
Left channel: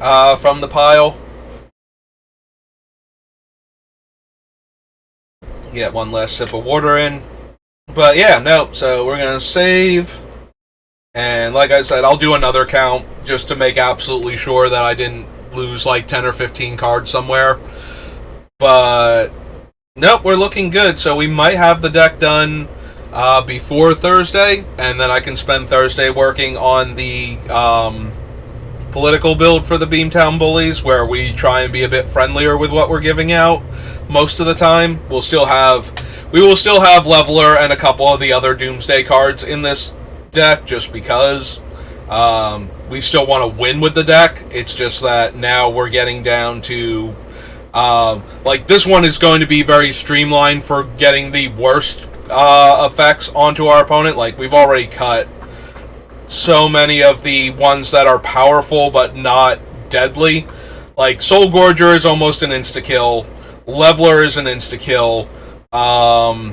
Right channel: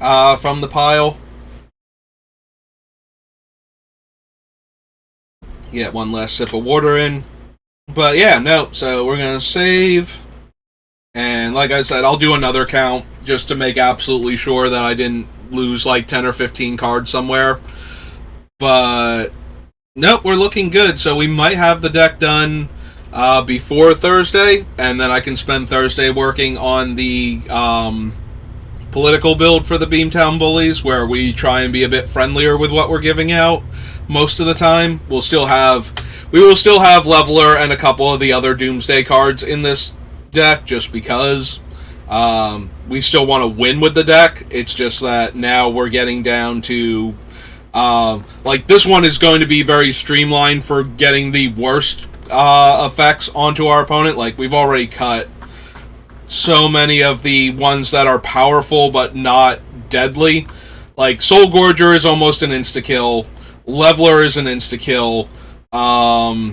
from the pile. Get one last sip of water in. But yeah, no, so we're going to save, and like I said, I'll do another count just to make absolutely sure that I didn't lose 10 or 15 cards somewhere. But nope, we're looking good, so we might have the deck done before Thursday, and then I can spend Thursday working on the political build for the Beamtown Bullies, where we try and be a bit friendlier with what we're giving out most of the time. We will still have Leveler and a couple of the other Doomsday cards in this deck, just because we still want to win with the deck. It's just that now we're getting down to this one is going to be very streamlined for getting the worst effects onto our opponent. We've already cut so many of the ones that are powerful but not deadly. Soul Gorger is almost an insta-kill. Leveler is an insta-kill. World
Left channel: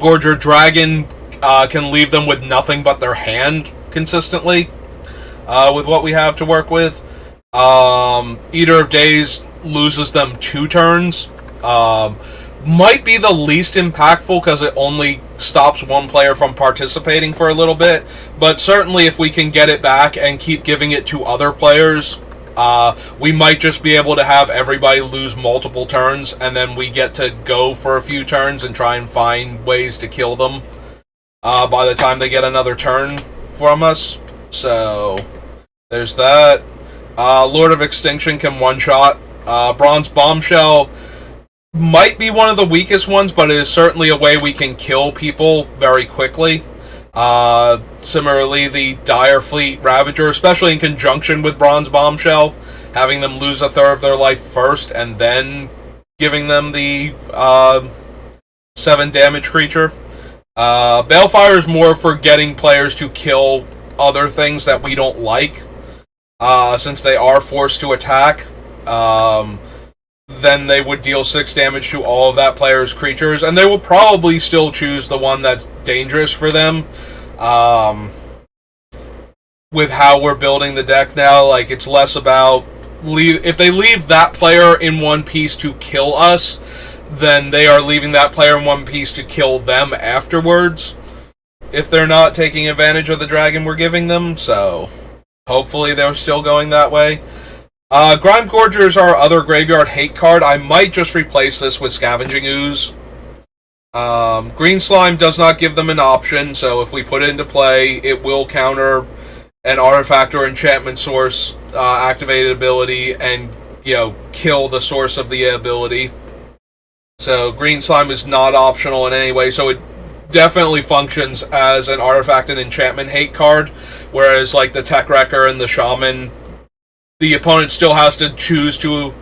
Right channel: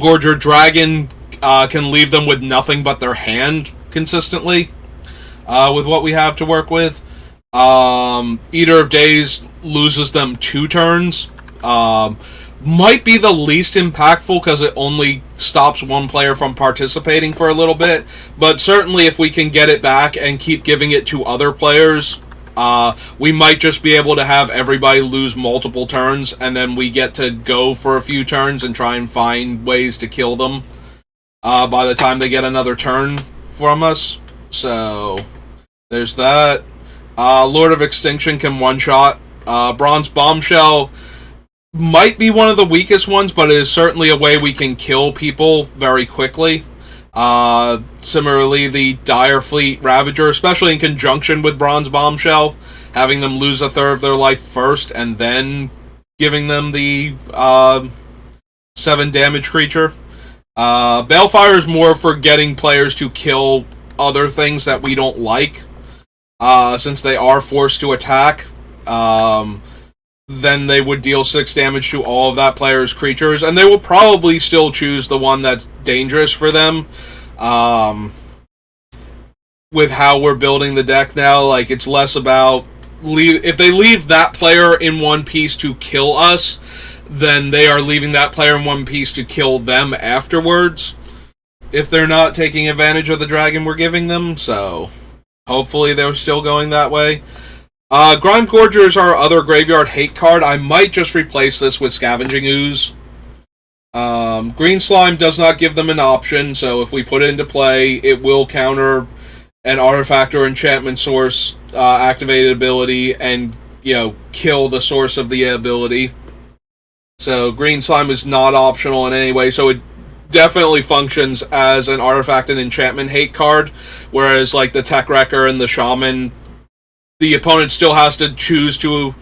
Gorger Dragon can leave them with nothing but their hand consistently with what we have to work with. Eater of Days loses them 2 turns. Might be the least impactful because it only stops one player from participating for a little bit, but certainly if we can get it back and keep giving it to other players, we might just be able to have everybody lose multiple turns, and then we get to go for a few turns and try and find ways to kill them by the time they get another turn from us. So there's that. Lord of Extinction can one-shot. Bronze Bombshell might be one of the weakest ones, but it is certainly a way we can kill people very quickly. Similarly, the Dire Fleet Ravager, especially in conjunction with Bronze Bombshell, having them lose a third of their life first and then giving them the 7 damage creature. Balefire is more for getting players to kill other things that we don't like, since they are forced to attack. Then they would deal 6 damage to all of that player's creatures, and they will probably still choose the one that's dangerous for them. With how we're building the deck now, it's less about if they leave that player in one piece to kill us, then they are leaving that player in one piece to kill them afterwards, if they're not taking advantage of the dragon we're giving them. So hopefully they're still going that way. Grime Gorger is our other graveyard hate card. I might just replace this with Scavenging Ooze. Green Slime does not give them an option, so if we put it into play, it will counter an artifact or enchantment source activated ability and, kill the source of the ability. So Green Slime is not optional in any way, so it definitely functions as an artifact and enchantment hate card, whereas the Tech Wrecker and the Shaman, the opponent still has to choose to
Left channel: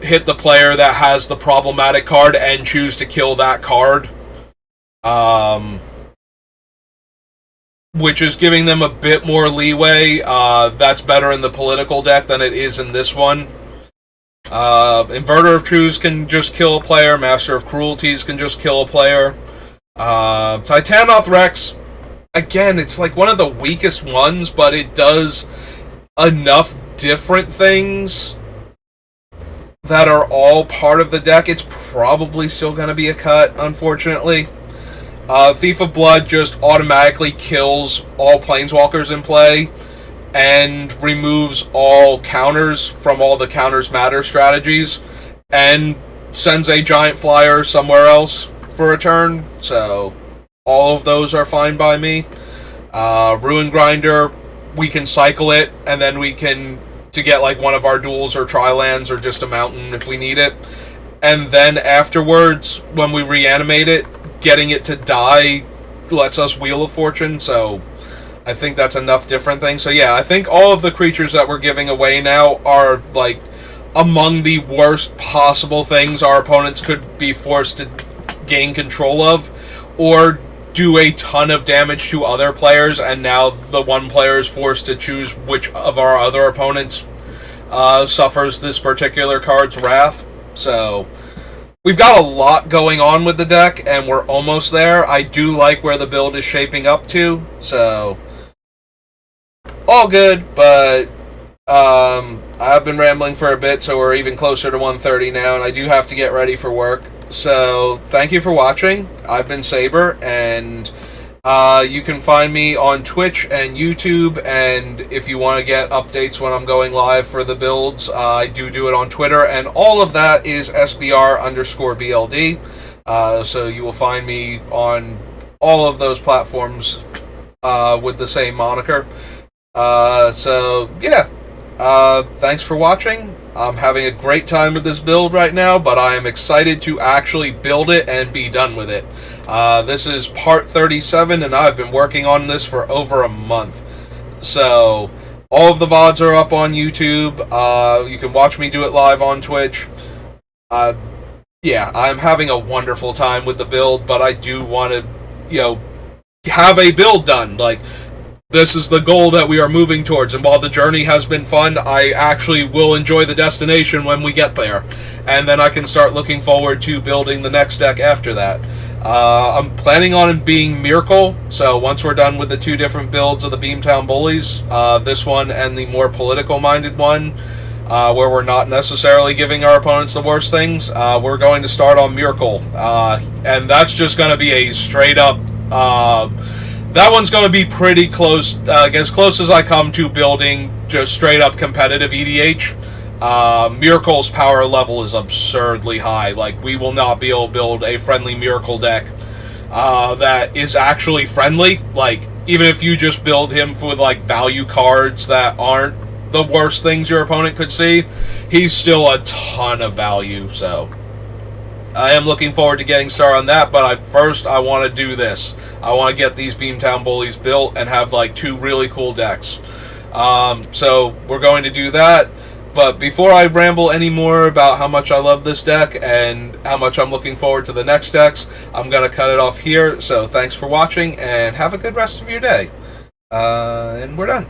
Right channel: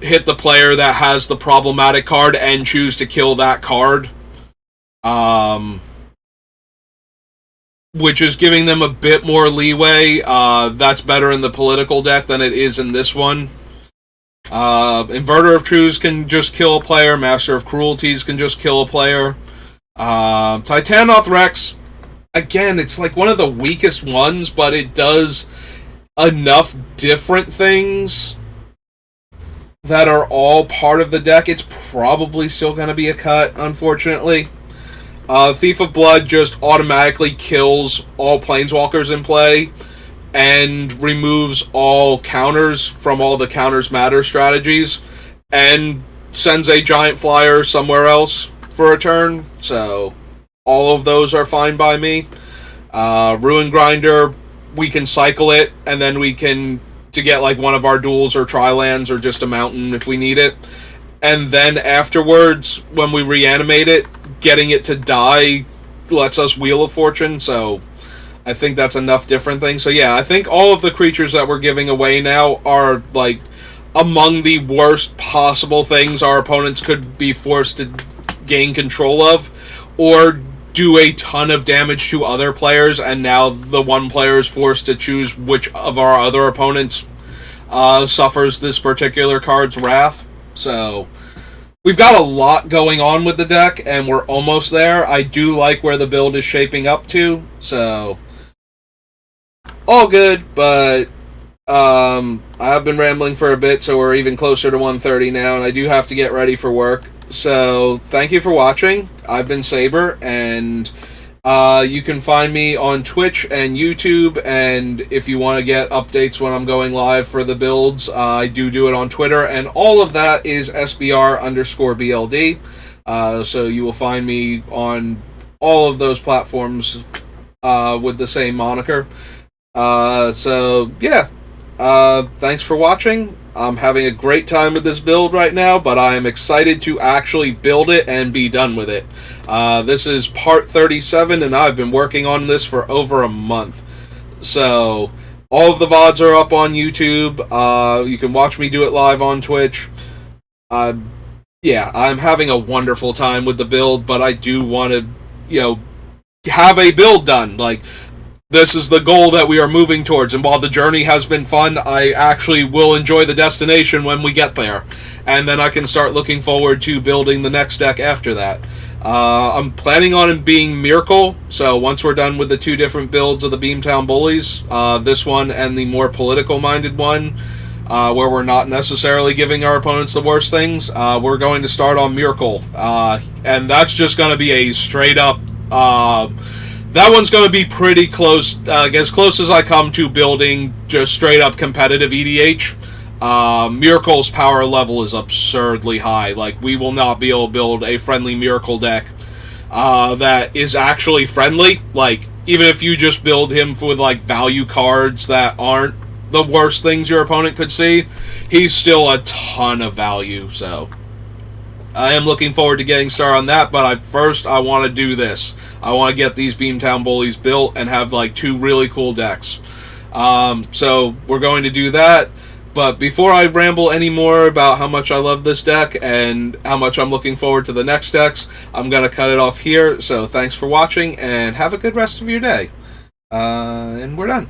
hit the player that has the problematic card and choose to kill that card. Which is giving them a bit more leeway. That's better in the political deck than it is in this one. Inverter of Truths can just kill a player. Master of Cruelties can just kill a player. Titanoth Rex, again, it's one of the weakest ones, but it does enough different things that are all part of the deck, it's probably still going to be a cut, unfortunately. Thief of Blood just automatically kills all Planeswalkers in play and removes all counters from all the counters matter strategies and sends a giant flyer somewhere else for a turn. So all of those are fine by me. Ruin Grinder, we can cycle it, and then we can, to get like one of our duels or tri-lands or just a mountain if we need it. And then afterwards, when we reanimate it, getting it to die lets us Wheel of Fortune, so I think that's enough different things. So yeah, I think all of the creatures that we're giving away now are like among the worst possible things our opponents could be forced to gain control of, or do a ton of damage to other players, and now the one player is forced to choose which of our other opponents suffers this particular card's wrath. So we've got a lot going on with the deck, and we're almost there. I do like where the build is shaping up to, so all good, but I've been rambling for a bit, so we're even closer to 1:30 now, and I do have to get ready for work. So thank you for watching. I've been Saber, and you can find me on Twitch and YouTube, and if you want to get updates when I'm going live for the builds, I do it on Twitter, and all of that is SBR_BLD. So you will find me on all of those platforms with the same moniker. So yeah, thanks for watching. I'm having a great time with this build right now, but I am excited to actually build it and be done with it. This is part 37, and I've been working on this for over a month. So all of the VODs are up on YouTube. You can watch me do it live on Twitch. Yeah, I'm having a wonderful time with the build, but I do want to, have a build done. Like, this is the goal that we are moving towards, and while the journey has been fun, I actually will enjoy the destination when we get there. And then I can start looking forward to building the next deck after that. I'm planning on it being Miracle, so once we're done with the two different builds of the Beamtown Bullies, this one and the more political-minded one, where we're not necessarily giving our opponents the worst things, we're going to start on Miracle. And that's just going to be a straight-up... that one's going to be pretty close, as close as I come to building just straight-up competitive EDH. Miracle's power level is absurdly high. Like, we will not be able to build a friendly Miracle deck that is actually friendly. Like, even if you just build him with, like, value cards that aren't the worst things your opponent could see, he's still a ton of value, so... I am looking forward to getting started on that, but first I want to do this. I want to get these Beamtown Bullies built and have like two really cool decks. So we're going to do that, but before I ramble any more about how much I love this deck and how much I'm looking forward to the next decks, I'm going to cut it off here. So thanks for watching, and have a good rest of your day. And we're done.